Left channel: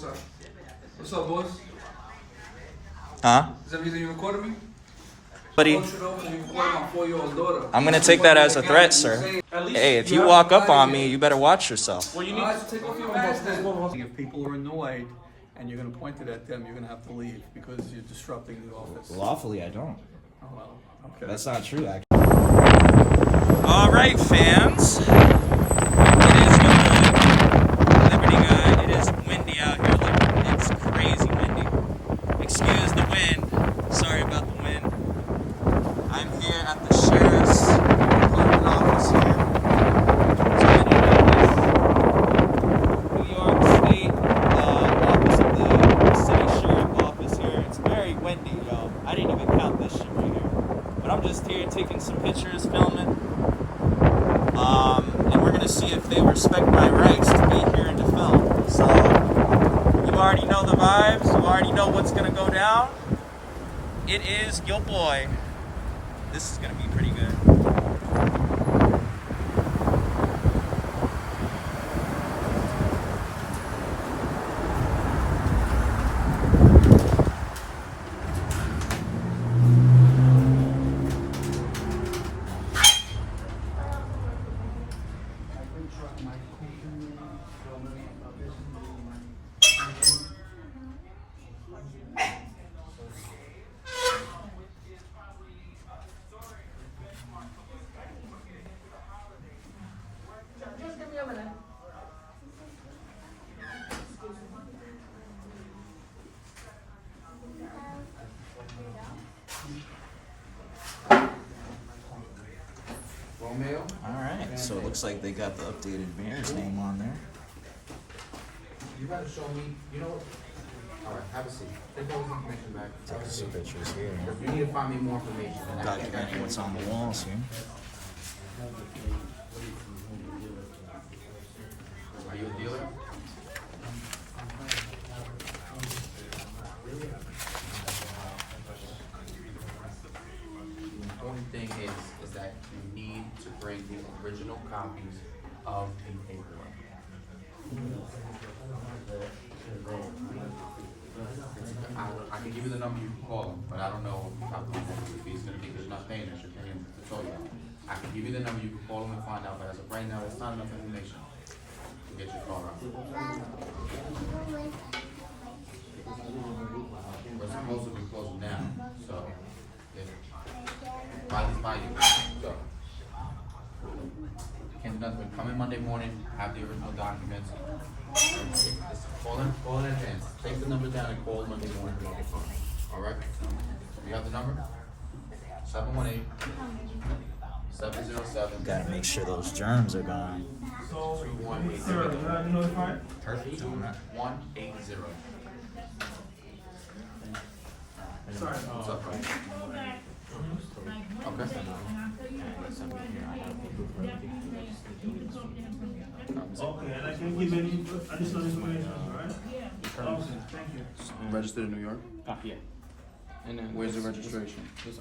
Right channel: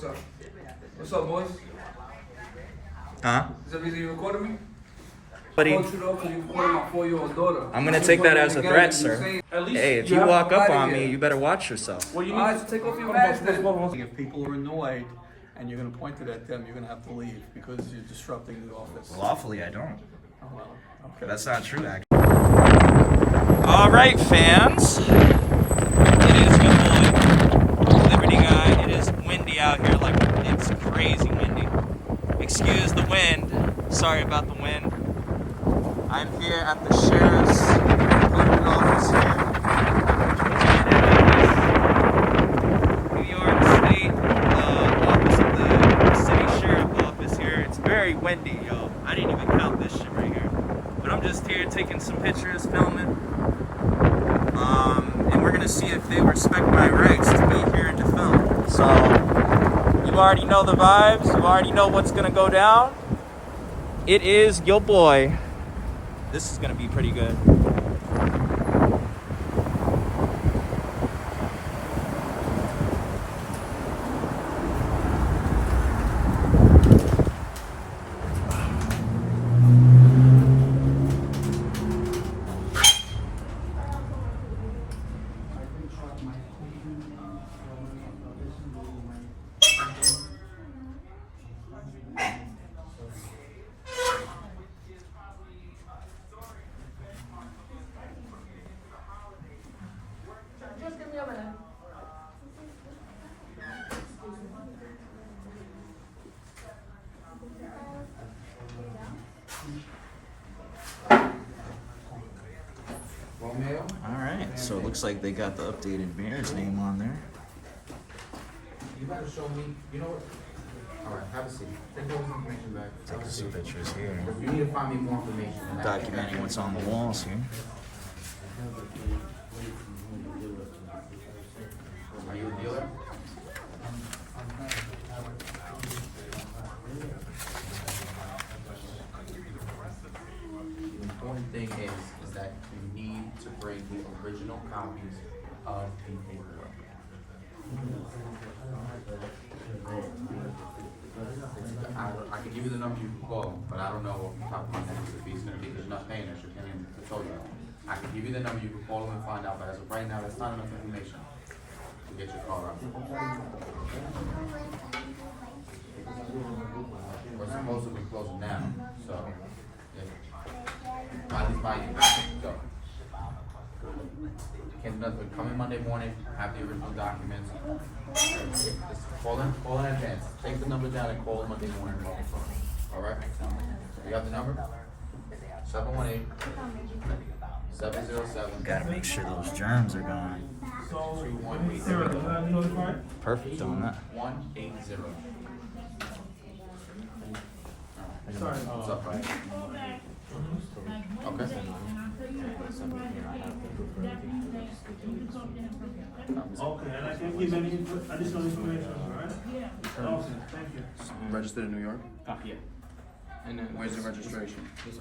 what's up? What's up, boys? Huh? Is that the reason you recorded me? Buddy, I want you to know because you recorded my 4-year-old daughter. I'm gonna take that as a threat, sir. Hey, if you walk up on me, you better watch yourself. Well, you need to take off your mask then. If people are annoyed and you're going to point it at them, you're going to have to leave because you're disrupting the office. Lawfully, I don't. Oh, well, okay. That's not true, actually. All right, fans. It is Liberty Guy. It is windy out here. Like, it's crazy windy. Excuse the wind. Sorry about the wind. I'm here at the sheriff's office here. New York State office of the city sheriff office here. It's very windy, y'all. I didn't even count this shit right here. But I'm just here taking some pictures, filming. And we're gonna see if they respect my rights to be here and to film. So, you already know the vibes. You already know what's gonna go down. It is your boy. This is gonna be pretty good. Alright, so it looks like they got the updated mayor's name on there. You gotta show me, you know what? Alright, have a seat. Take all this information back. Take some pictures here. You need to find me more information. than that. Documenting what's on the walls here. Are you a dealer? The important thing is that you need to bring the original copies of the paperwork. I can give you the number, you can call him, but I don't know off the top of my head if he's gonna be, because you're not paying us, you're paying to tell you. I can give you the number, you can call him and find out, but as of right now, that's not enough information to get your car out. We're supposed to be closing now, so, Riley's buying it, so. Can't do nothing, come in Monday morning, have the original documents. Just call in advance, take the number down and call Monday morning on the phone, alright? You got the number? 718-707. Gotta make sure those germs are gone. 3180. Perfect on that. 180. Sorry. What's up, Frank? Okay. Okay, and I can't give any additional information, alright? Okay, thank you. Registered in New York? Yeah. And then Where's the registration? this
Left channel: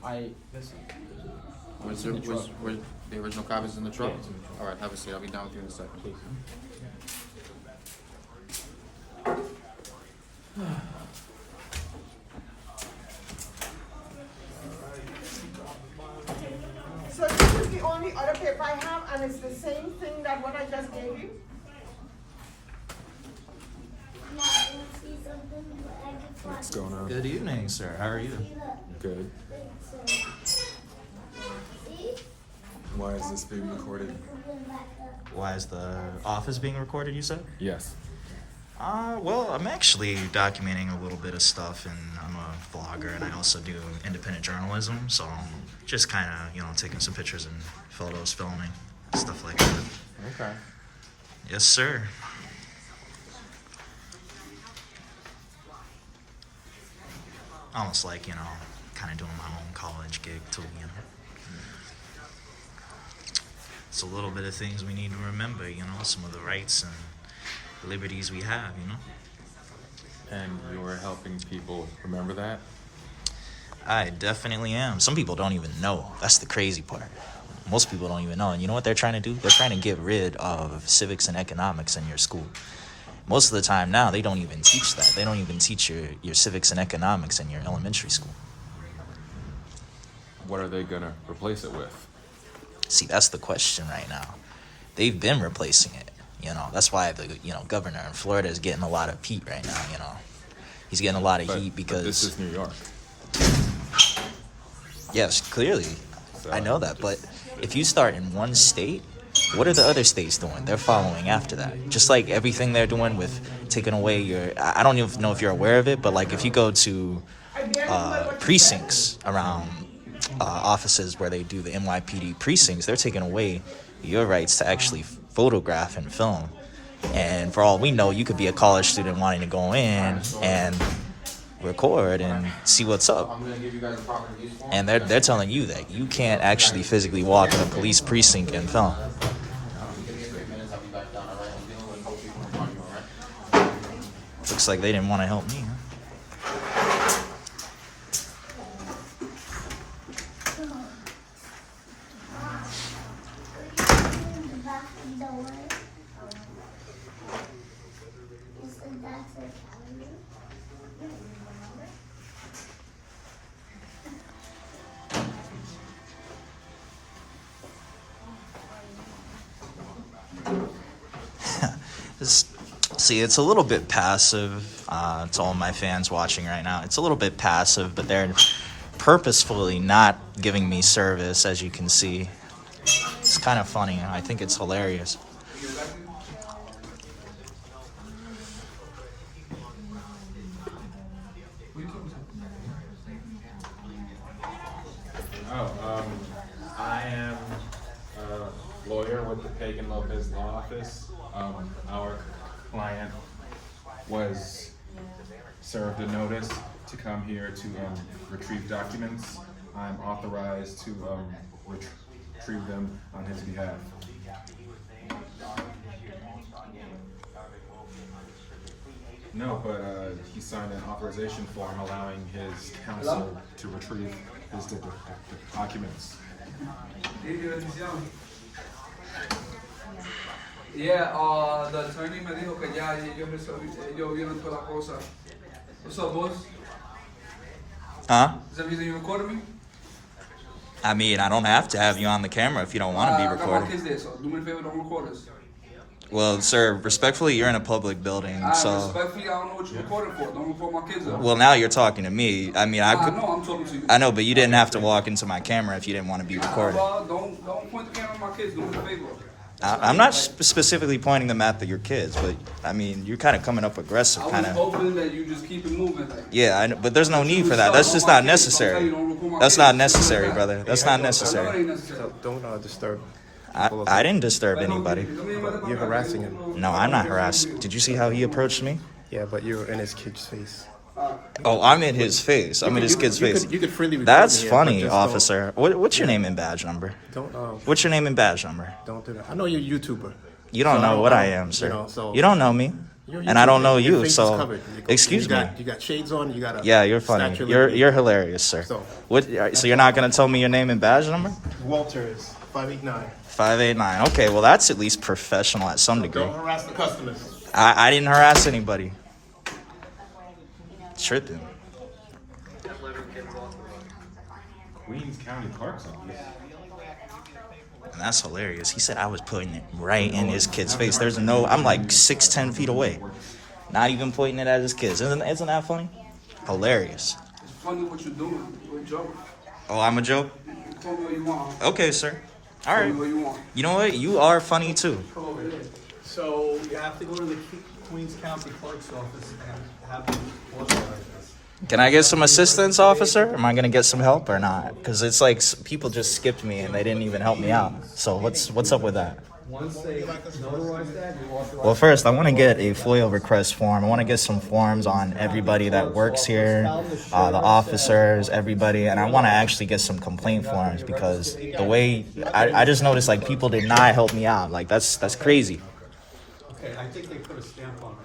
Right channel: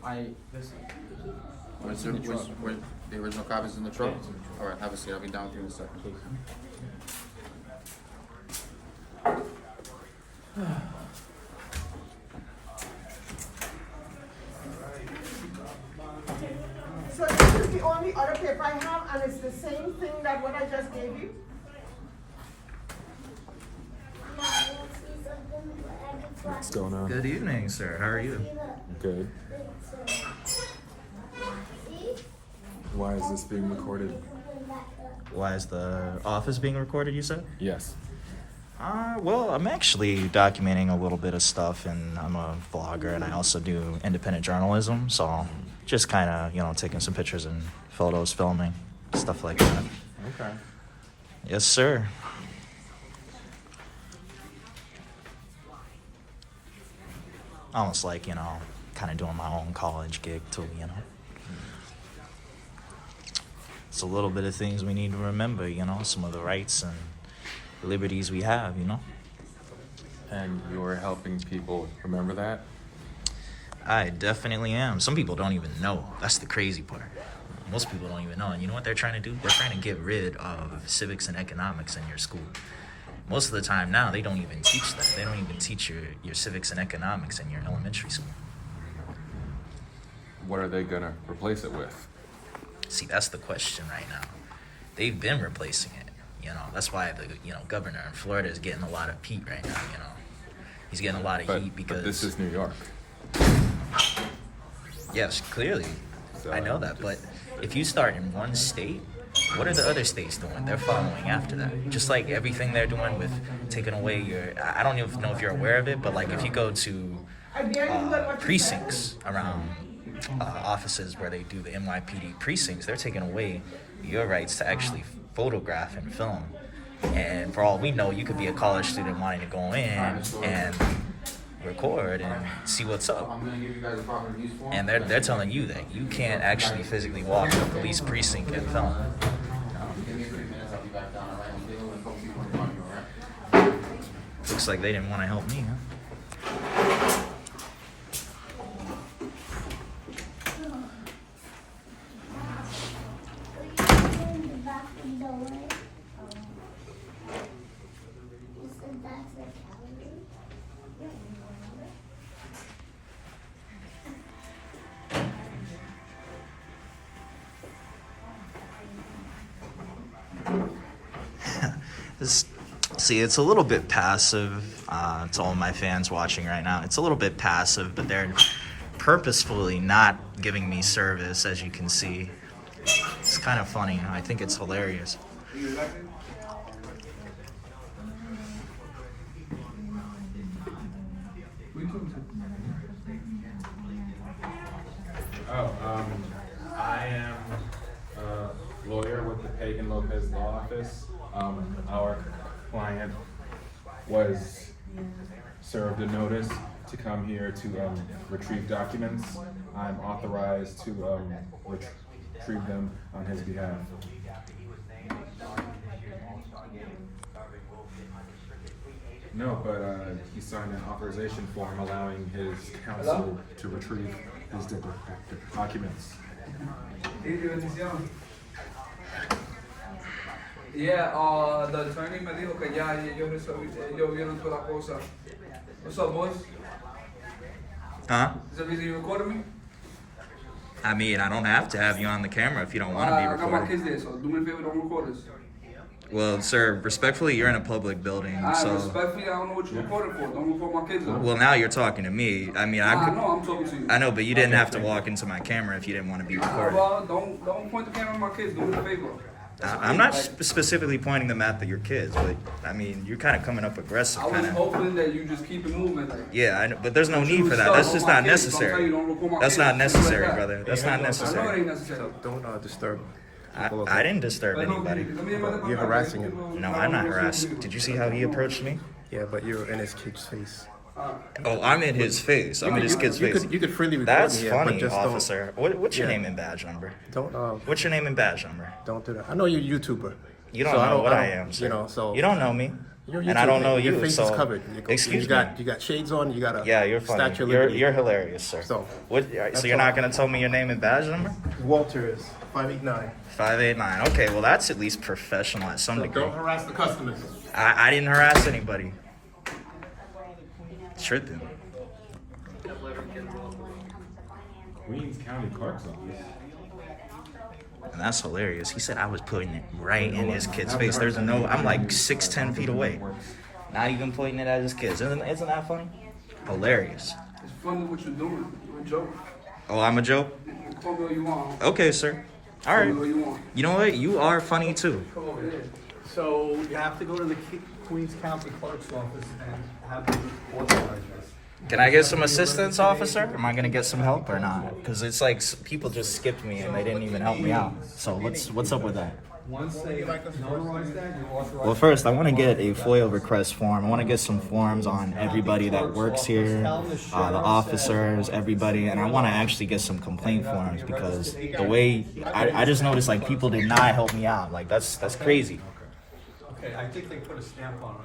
Where's the original copies in the truck? Alright, have a seat, I'll be down with you in a second. So this is the only other paper I have, and it's the same thing that what I just gave you? What's going on? Good evening, sir. How are you? Good. Why is this being recorded? Why is the office being recorded, you said? Yes. Well, I'm actually documenting a little bit of stuff, and I'm a blogger, and I also do independent journalism, so I'm just kind of, taking some pictures and photos, filming, stuff like that. Okay. Yes, sir. Almost like, kind of doing my own college gig, too, It's a little bit of things we need to remember, some of the rights and liberties we have, And you're helping people remember that? I definitely am. Some people don't even know. That's the crazy part. Most people don't even know. And you know what they're trying to do? They're trying to get rid of civics and economics in your school. Most of the time now, they don't even teach that. They don't even teach your civics and economics in your elementary school. What are they gonna replace it with? See, that's the question right now. They've been replacing it. You know, that's why the governor in Florida is getting a lot of heat right now. You know, he's getting a lot of heat because But this is New York. yes, clearly, So I know that. But if you start in one state, what are the other states doing? They're following after that. Just like everything they're doing with taking away your. I don't even know if you're aware of it, but like if you go to precincts around offices where they do the NYPD precincts, they're taking away your rights to actually photograph and film. And for all we know, you could be a college student wanting to go in and record and see what's up. I'm gonna give you guys a copy of these forms. And they're telling you that you can't actually physically walk in a police precinct and film. Give me 3 minutes, I'll be back down, alright? I'm leaving with both people in front of you, alright? Looks like they didn't want to help me, huh? See, it's a little bit passive to all my fans watching right now. It's a little bit passive, but they're purposefully not giving me service, as you can see. It's kind of funny. I think it's hilarious. I am a lawyer with the Pagan Lopez Law Office. Our client was served a notice to come here to retrieve documents. I'm authorized to retrieve them on his behalf. No, but he signed an authorization form allowing his counsel to retrieve his documents. Yeah, the attorney me dijo que ya ellos vieron toda la cosa. What's up, boss? Huh? Is that the reason you recorded me? I mean, I don't have to have you on the camera if you don't want to be I got my recorded. kids there, so do me a favor, don't record us. Well, sir, respectfully, you're in a public building, so... Respectfully, I don't know what you're recording for. Don't record my kids. Well, now you're talking to me. I mean, I I could... know, I'm talking to you. I know, but you didn't have to walk into my camera if you didn't want to be recorded. Don't point the camera at my kids. Do me a favor. I'm not specifically pointing them at your kids, but I mean, you're kind of coming up aggressive, I was kind of. hoping that you just keep it moving. Like, Yeah, I know, but there's no need for that. That's just not necessary. That's not necessary, brother. That's not I know it necessary. ain't necessary. Don't disturb. I didn't disturb anybody. You're harassing him. No, I'm not harassed. Did you see how he approached me? Yeah, but you're in his kid's face. Oh, I'm in his face. I'm in his kid's face. You could freely record That's me here, funny, but just don't- officer. What's your name and badge number? Don't What's your name and badge number? don't do that. I know you're a YouTuber. You don't So know what I don't- am, sir. You know, so You don't know me, you're and I don't know Your you. face is So, covered. excuse me. You got shades on. You got a Yeah, you're funny. Statue of You're Liberty. hilarious, sir. So, So you're not gonna tell me your name and badge number? Walter is 589. 589. Okay, well that's at least professional at some degree. Don't harass the customers. I didn't harass anybody. Tripping. Queens County Clerk's Office. And that's hilarious. He said I was putting it right in his kid's face. There's no. I'm like 6'10" feet away. Not even pointing it at his kids. Isn't that fun? Hilarious. It's funny what you're doing. You're a joke. Oh, I'm a joke. Call me what you want. Okay, sir. All Call me right. what you want. You know what? You are funny too. So you have to go to the Queens County Clerk's office and have them authorize this. Can I get some assistance, officer? Am I gonna get some help or not? Because it's like people just skipped me and they didn't even help me out. So what's up with that? Well, first I want to get a FOIA request form. I want to get some forms on everybody that works here, the officers, everybody, and I want to actually get some complaint forms because the way I just noticed like people did not help me out. Like that's crazy. Okay, I think they put a stamp on it.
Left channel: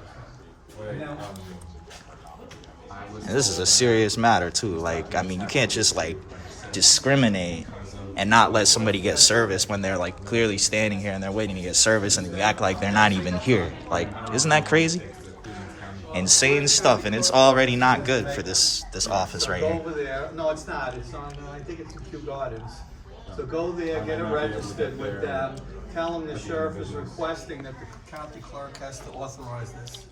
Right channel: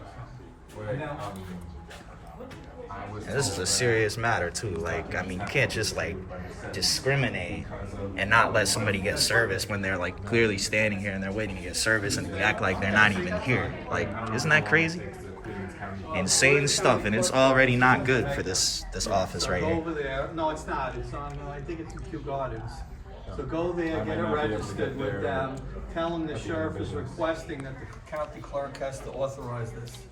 This is a serious matter too. Like, I mean, you can't just like discriminate and not let somebody get service when they're like clearly standing here and they're waiting to get service and act like they're not even here. Like, isn't that crazy? Insane stuff, and it's already not good for this office right Go here. over there. No, it's not. It's on, I think it's in Kew Gardens. So go there, get it registered with them. Tell them the sheriff is requesting that the county clerk has to authorize this.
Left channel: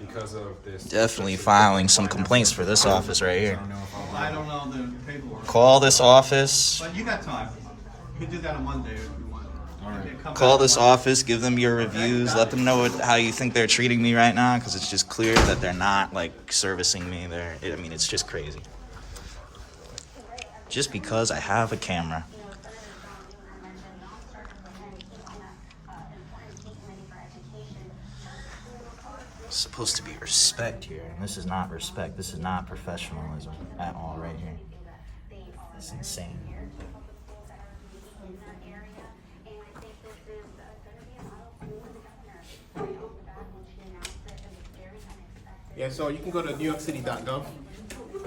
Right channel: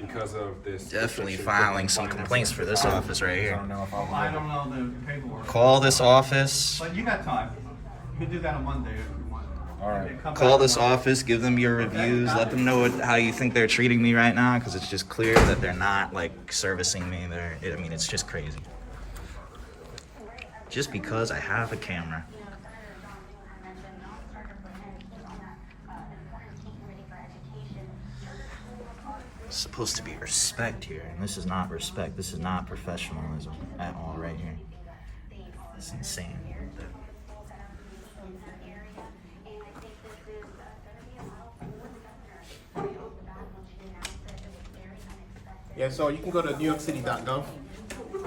Because of this. Definitely filing some complaints for this office right here. I don't know the paperwork. Call this office. But you got time. You can do that on Monday if you want. All right. Call this office, give them your reviews, let them know how you think they're treating me right now, because it's just clear that they're not like servicing me. I mean, it's just crazy. Just because I have a camera. It's supposed to be respect here, and this is not respect. This is not professionalism at all right here. It's insane. Yeah, so you can go to NewYorkCity.gov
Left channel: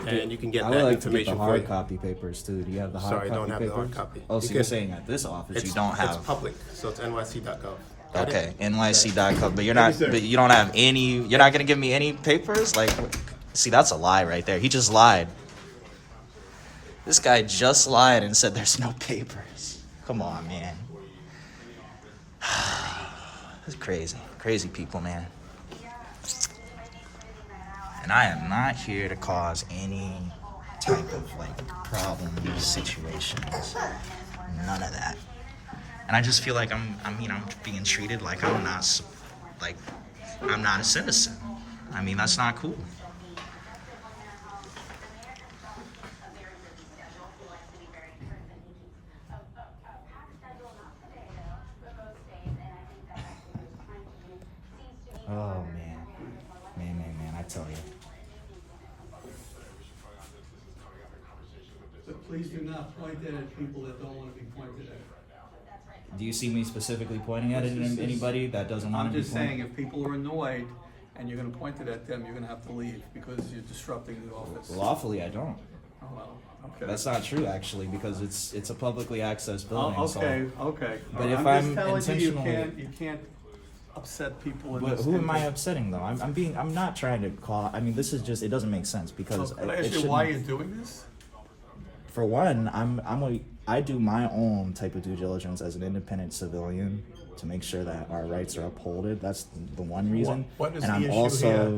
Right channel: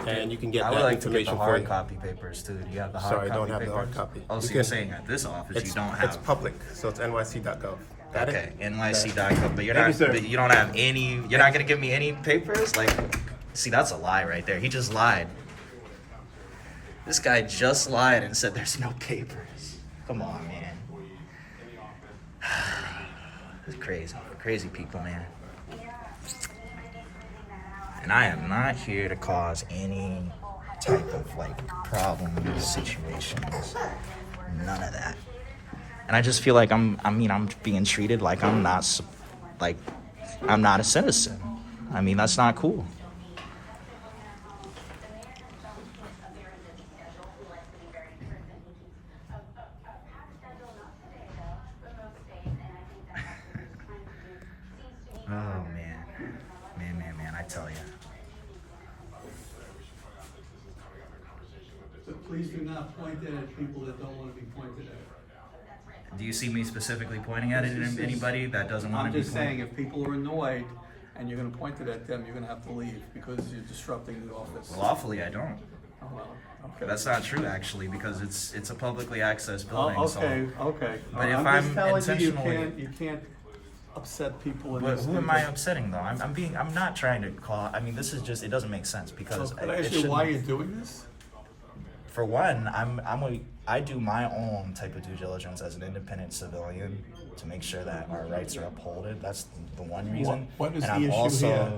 and you can get that information for you. Copy papers too. Do you have the hard Sorry, I copy don't have the hard papers? copy. Oh, You so can- you're saying at this office you don't have? It's public, so it's NYC.gov. Got it? Okay, NYC.gov, but you're Thank not. you, sir. But you don't have any. You're not gonna give me any papers. Like, see, that's a lie right there. He just lied. This guy just lied and said there's no papers. Come on, man. It's crazy, crazy people, man. And I am not here to cause any type of like problems, situations, none of that. And I just feel like I'm being treated like I'm not a citizen. I mean, that's not cool. Oh man, I tell you. But please do not point it at people that don't want to be pointed at. Do you see me specifically pointing at it at anybody that doesn't want I'm to be just saying, if people are annoyed and you're gonna point it at them, you're gonna have to leave because you're disrupting the office. Lawfully, I don't. Oh, well, okay. That's not true, actually, because it's a publicly accessed building. Oh, so- okay, okay. But if I'm I'm just telling you, intentionally- you can't upset people in But this. who am I upsetting though? I'm not trying to call. I mean, this is just. It doesn't make sense because. So, can I it ask you why shouldn't- you're doing this? For one, I do my own type of due diligence as an independent civilian to make sure that our rights are upheld. That's the one reason. What is and the I'm issue also here?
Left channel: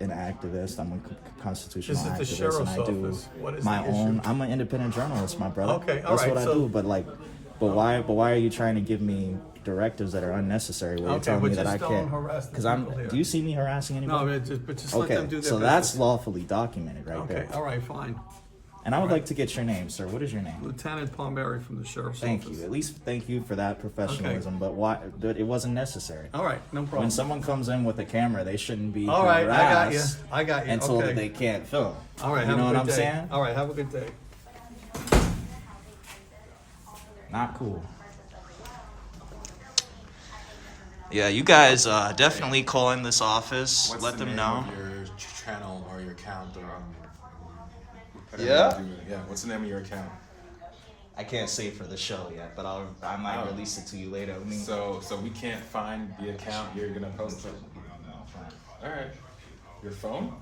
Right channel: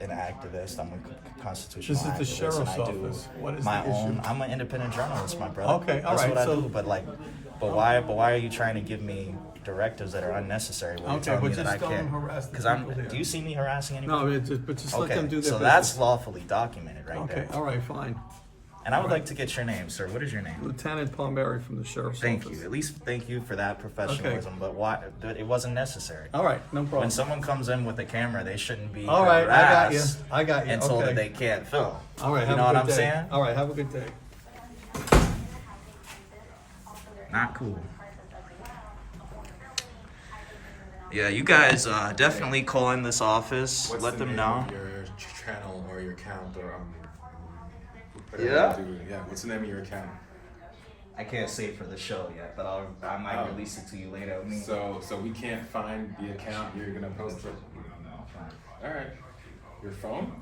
an activist. I'm a constitutional This is the activist, sheriff's and I do office. What is my the issue? own. I'm an independent journalist, my brother. Okay, all That's right, what I so- do, but why are you trying to give me directives that are unnecessary? Where you're Okay, telling but me that just I don't can't. harass the Because people here. Do you see me harassing anyone? No, but just let them do their so business. that's lawfully documented right Okay, there. all right, fine. And I would all right. like to get your name, sir. What is your name? Lieutenant Palmieri from the sheriff's Thank office. you. At least thank you for that professionalism. But why? But it wasn't necessary. All right, no problem. When someone comes in with a camera, they shouldn't be All right, I got you. harassed I got you. and told that Okay. they can't film. All right, you have know a what good I'm day. saying? All right, have a good day. Not cool. Yeah, you guys definitely call in this office. Let them know. Your channel or your account or Yeah? Yeah. What's the name of your account? I can't say for the show yet, but I might release it to you later. So we can't find the account. You're gonna post it. All right. Your phone?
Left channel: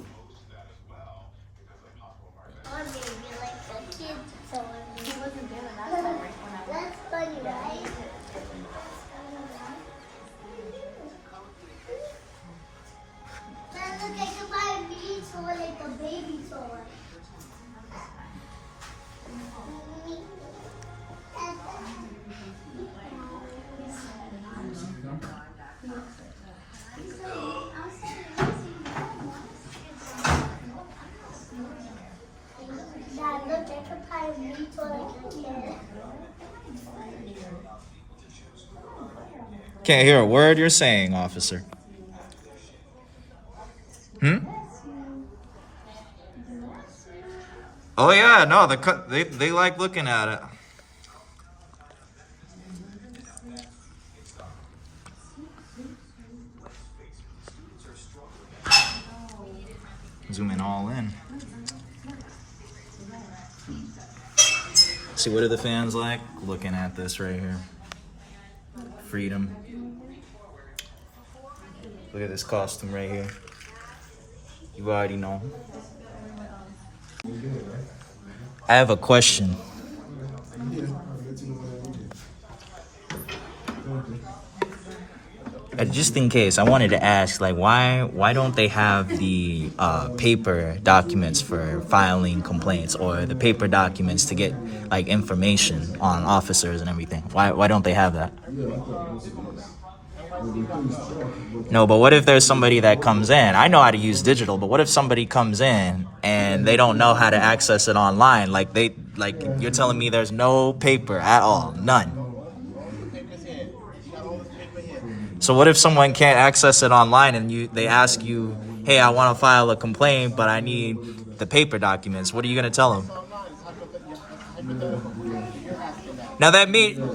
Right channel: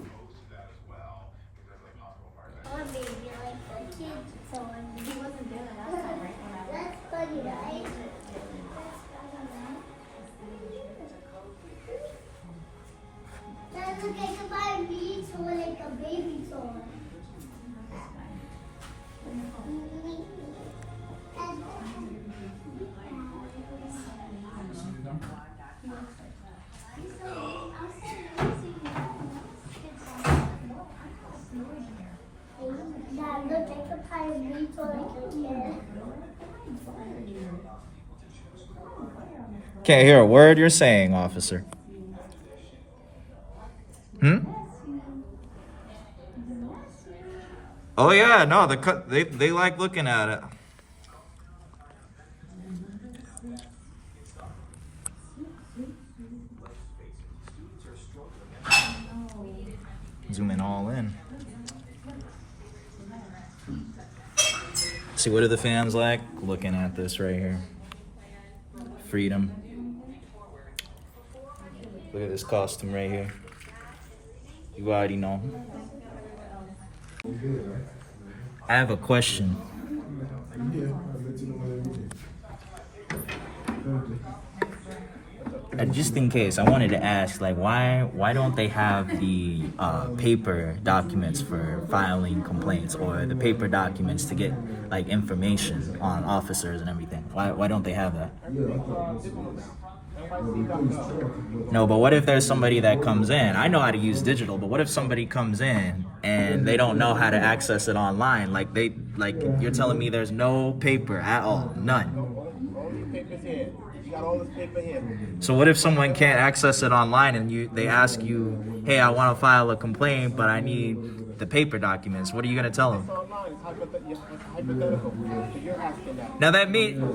Or maybe like a kid sewing. He wasn't doing that That's funny, right? That look, I can buy a mini toy, like a baby toy. Dad, look, I can buy a mini toy like a kid. Can't hear a word you're saying, officer. Oh yeah, no, they like looking at it. Zooming all in. See, what are the fans like? Looking at this right here. Freedom. Look at this costume right here. You already know. I have a question. And just in case, I wanted to ask, like, why don't they have the paper documents for filing complaints, or the paper documents to get like information on officers and everything? Why don't they have that? No, but what if there's somebody that comes in? I know how to use digital, but what if somebody comes in and they don't know how to access it online? Like you're telling me there's no paper at all, none. So what if someone can't access it online and they ask you, hey, I want to file a complaint, but I need the paper documents? What are you going to tell them?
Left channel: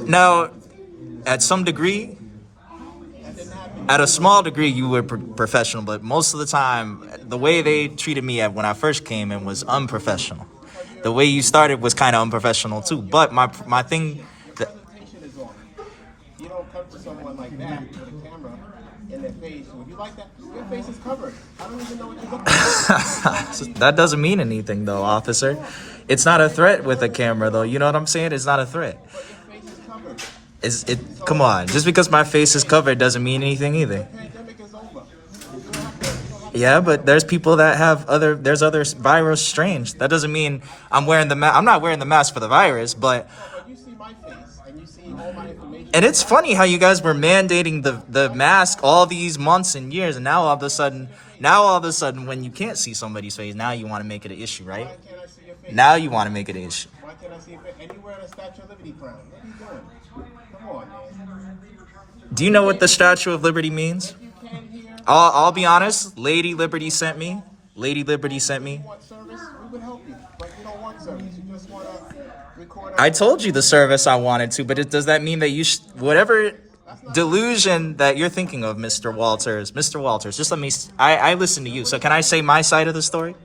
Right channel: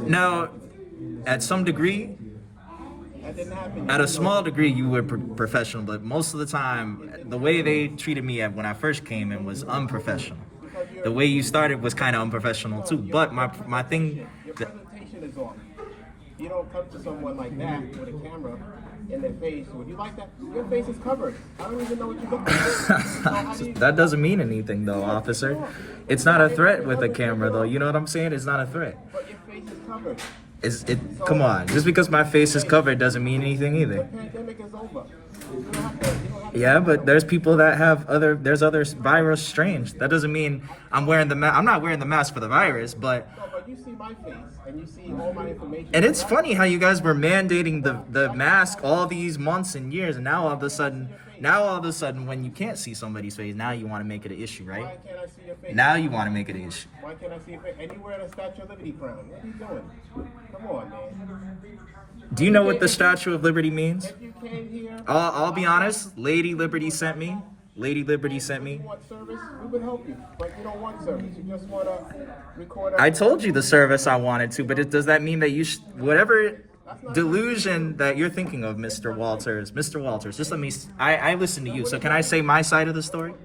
Now, at some degree, at a small degree, you were professional, but most of the time, the way they treated me when I first came in was unprofessional. The way you started was kind of unprofessional too, but my thing... You don't come to someone like that with a camera in their face. Would you like that? Your face is covered. I don't even know what you look like. That doesn't mean anything, though, officer. It's not a threat with a camera, though. You know what I'm saying? It's not a threat. But your face is covered. Come on. Just because my face is covered doesn't mean anything either. The pandemic is over. Yeah, but there's people that have there's other virus strains. That doesn't mean I'm wearing the mask. I'm not wearing the mask for the virus, but... No, but you see my face, and you see all my information. And it's funny how you guys were mandating the mask all these months and years, and now all of a sudden, when you can't see somebody's face, now you want to make it an issue, right? Why can't I see your face? Now you want to make it an issue. Why can't I see your face? And you wearing a Statue of Liberty crown. What are you doing? Come on, man. Do you know what the Statue of Liberty means? If you came here... I'll be honest. Lady Liberty sent me. You want service? We would help you, but you don't want service. You just want to record... I told you the service I wanted to, but does that mean that you whatever delusion that you're thinking of, Mr. Walters, just let me... I listen to you, so can I say my side of the story?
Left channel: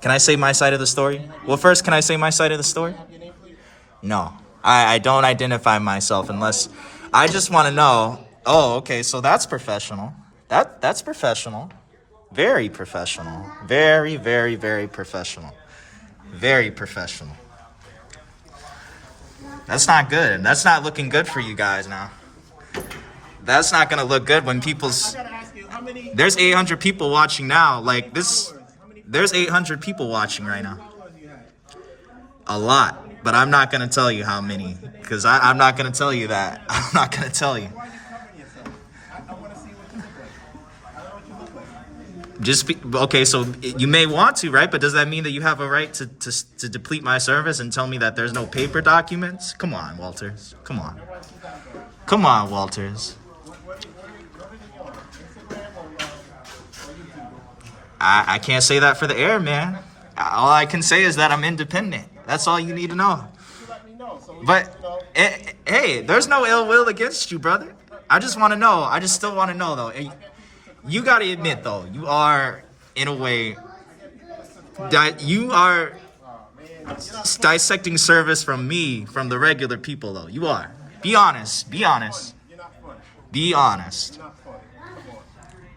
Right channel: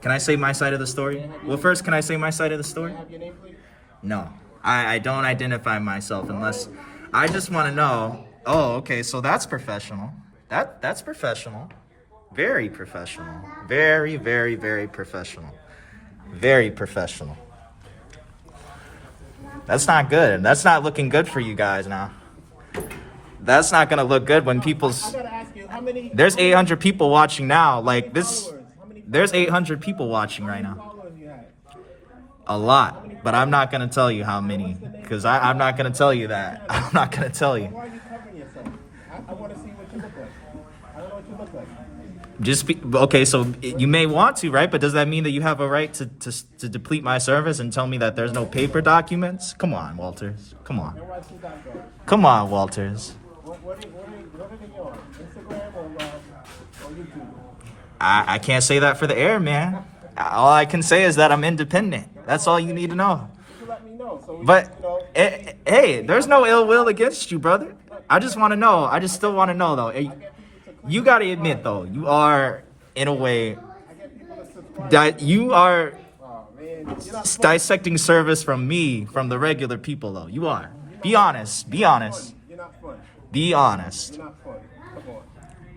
Can I say my side of the story? Well, first, can I say my side of the story? No, I don't identify myself unless... I just want to know, oh, okay, so that's professional. That's professional. Very professional. Very, very, very professional. Very professional. That's not good. That's not looking good for you guys now. That's not going to look good when people's... There's 800 people watching now. Like this... There's 800 people watching right now. A lot. But I'm not going to tell you how many. Because I'm not going to tell you that. I'm not going to tell you. Why are you covering yourself? I want to see what you look like. I don't know what you look like. Okay, so you may want to, right? But does that mean that you have a right to deplete my service and tell me that there's no paper documents? Come on, Walters. Come on. Come on, Walters. What are they on? Instagram or YouTube? I can't say that for the air, man. All I can say is that I'm independent. That's all you need to know. You let me know. So But, hey, there's no ill will against you, brother. I just want to know. I just still want to know, though. You got to admit, though, you are, in a way, you are dissecting service from me, from the regular people, though. You are. Be honest. Be honest. You're not fun. Be honest. You're not fun. Come on.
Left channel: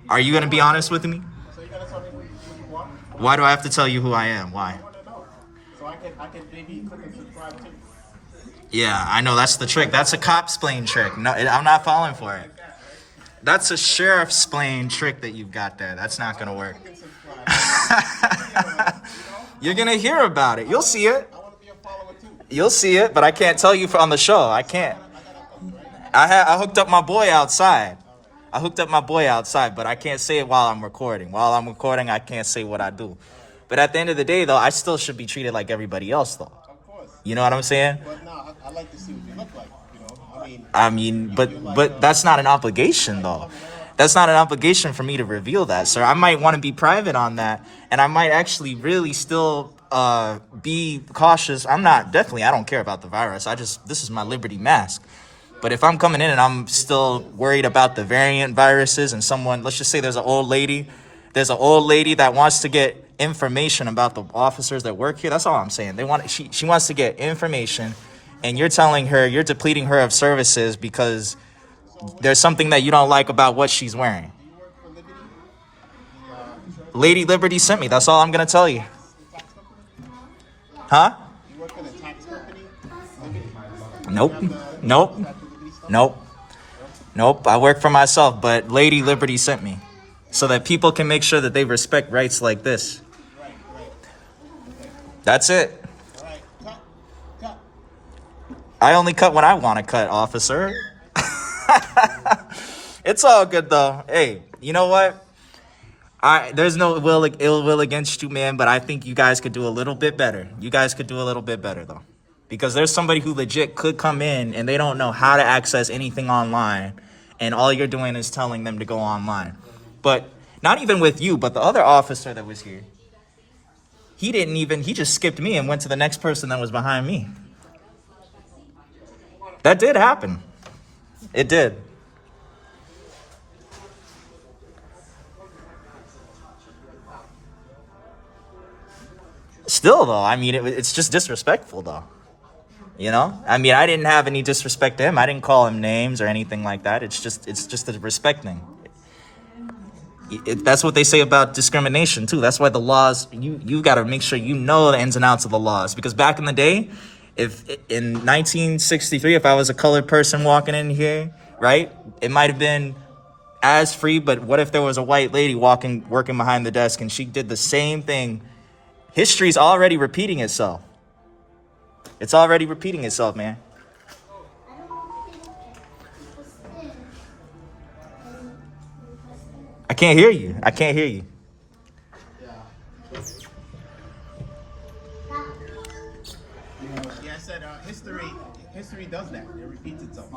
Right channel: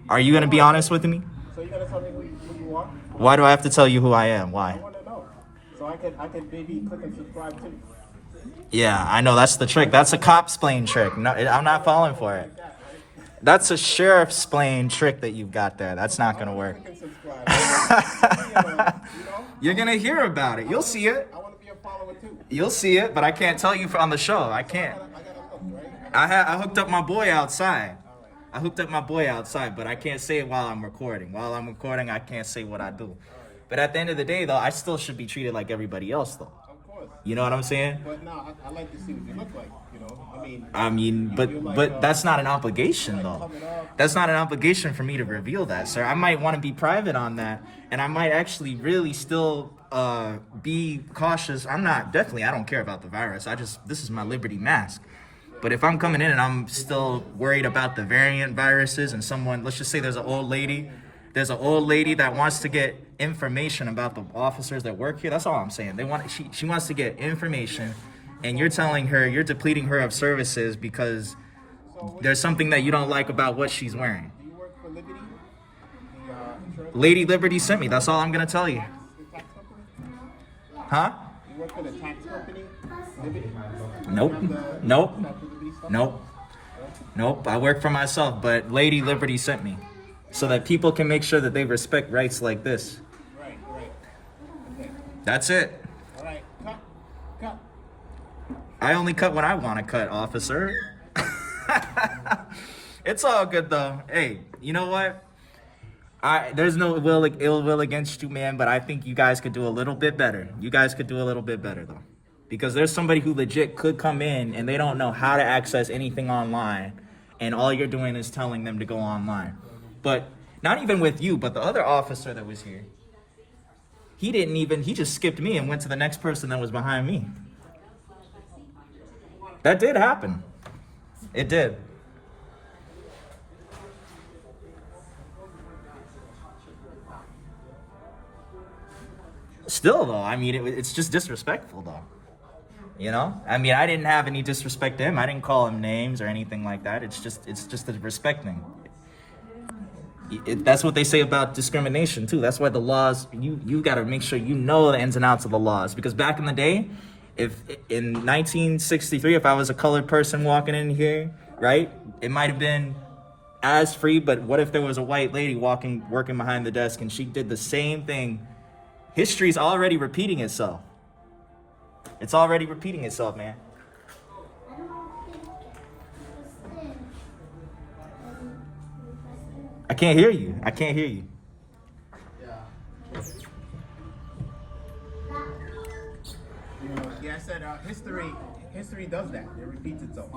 Are you going to be honest with me? So you're going to tell me who you are? Why do I have to tell you who I am? Why? I want to know. So I can maybe click and subscribe too. Yeah, I know. That's the trick. That's a cop's plane trick. No, I'm not falling for it. That's a sheriff's plane trick that you've got there. That's not going to work. You're going to hear about it. You'll see it. I want to be a follower too. You'll see it, but I can't tell you on the show. I can't. I hooked up my boy outside. But I can't say it while I'm recording. While I'm recording, I can't say what I do. But at the end of the day, though, I still should be treated like everybody else, though. Of course. You know what I'm saying? But no, I like to see what you look like, you know? But that's not an obligation, though. That's not an obligation for me to reveal that, sir. I might want to be private on that, and I might actually really still be cautious. I don't care about the virus. This is my Liberty mask. But if I'm coming in and I'm still worried about the variant viruses and let's just say there's an old lady that wants to get information about the officers that work here. That's all I'm saying. She wants to get information, and you're telling her, you're depleting her of services because there's something that you don't like about what she's wearing. Do you work for Liberty? The insurance Lady Liberty sent me. That's all I'm gonna tell you. the tax company? Huh? You work for the tax company? Liberty? Nope. You have the- Nope. you have the Liberty stuff? Nope. Nope. I work for myself, but Lady Liberty sent me so that people can make sure that they respect rights like this. Right. Okay. That's it. All right. Cut. I only cut when I want to cut, officer. It's all good though. Hey, you know what? There's no ill will against you, man, but I think you guys could do a little bit better. You guys could do a little bit better though. Because there's somebody who legit could come in and they don't know how to access anything online, and all you're doing is telling them to go online. But not even with you, but the other officer that was here, he just skipped me and went to the next person that was behind me. That did happen. It did. Still though, I mean, it's just disrespectful though. You know, I mean, I didn't have any disrespect to him. I didn't call him names or anything like that. It's just a respect thing. That's what they say about discrimination too. That's why the laws, you got to make sure you know the ins and outs of the laws. Because back in the day, if in 1963, if I was a colored person walking in here, right, it might have been as free. But what if there was a white lady working behind the desk and she did the same thing? History's already repeating itself. It's already repeating itself, man. I can't hear you. Yeah, I said history does that. It repeats itself.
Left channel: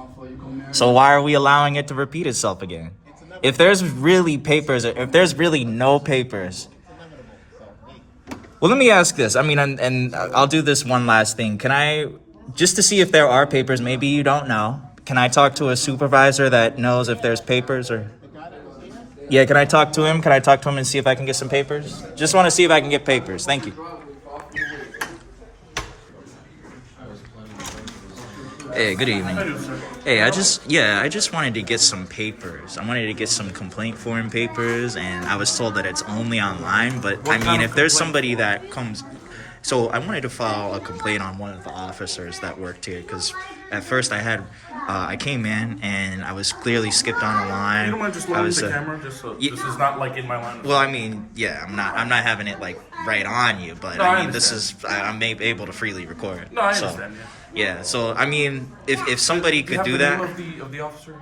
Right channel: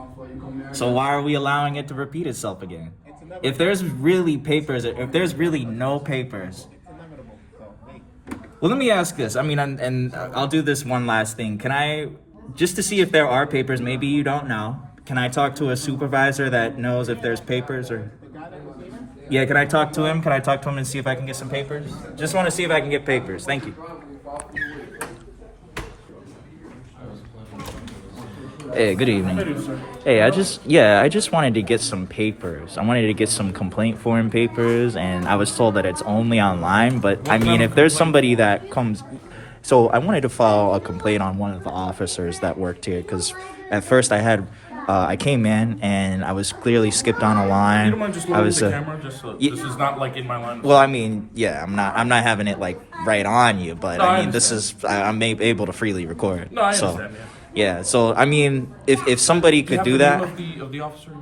So why are we allowing it to repeat itself again? It's inevitable. If there's really papers, if there's really no papers. It's inevitable. So, hey. Well, let me ask this. I mean, and I'll do this one last thing. Can I, just to see if there are papers, maybe you don't know, can I talk to a supervisor that knows if there's papers or... The guy that was here? Yeah, can I talk to him? Can I talk to him and see if I can get some papers? Just want to see if I can get papers. Thank you. Hey, good evening. Hey, I just wanted to get some papers. I wanted to get some complaint form papers, and I was told that it's only online, but I mean, if there's somebody that comes... So I wanted to file a complaint on one of the officers that worked here, because at first I came in and I was clearly skipped on a line. You don't mind just lowering the camera, just so this is not like in my line of Well, I mean, yeah, I'm not having it like right on you, but No, I I mean, I'm able to freely record. No, I so, understand, yeah. Yeah, so I mean, if somebody could do that, of the officer.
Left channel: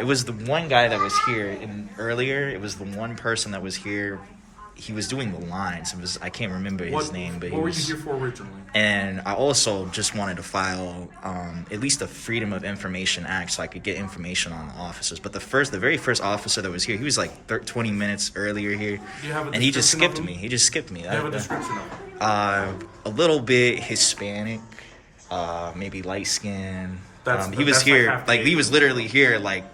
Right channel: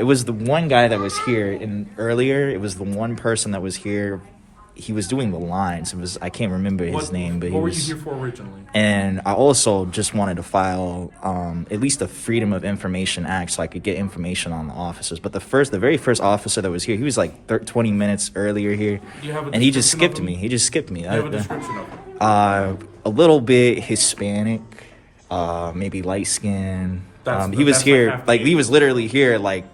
it was the one guy that was here earlier. It was the one person that was here. He was doing the lines. I can't remember his name, but what were you here for originally? And I also just wanted to file at least the Freedom of Information Act so I could get information on the officers. But the very first officer that was here, he was like 20 minutes earlier here, and he just skipped me. Do you have a description of him? A little bit Hispanic, maybe light skin. He was here, he was literally here like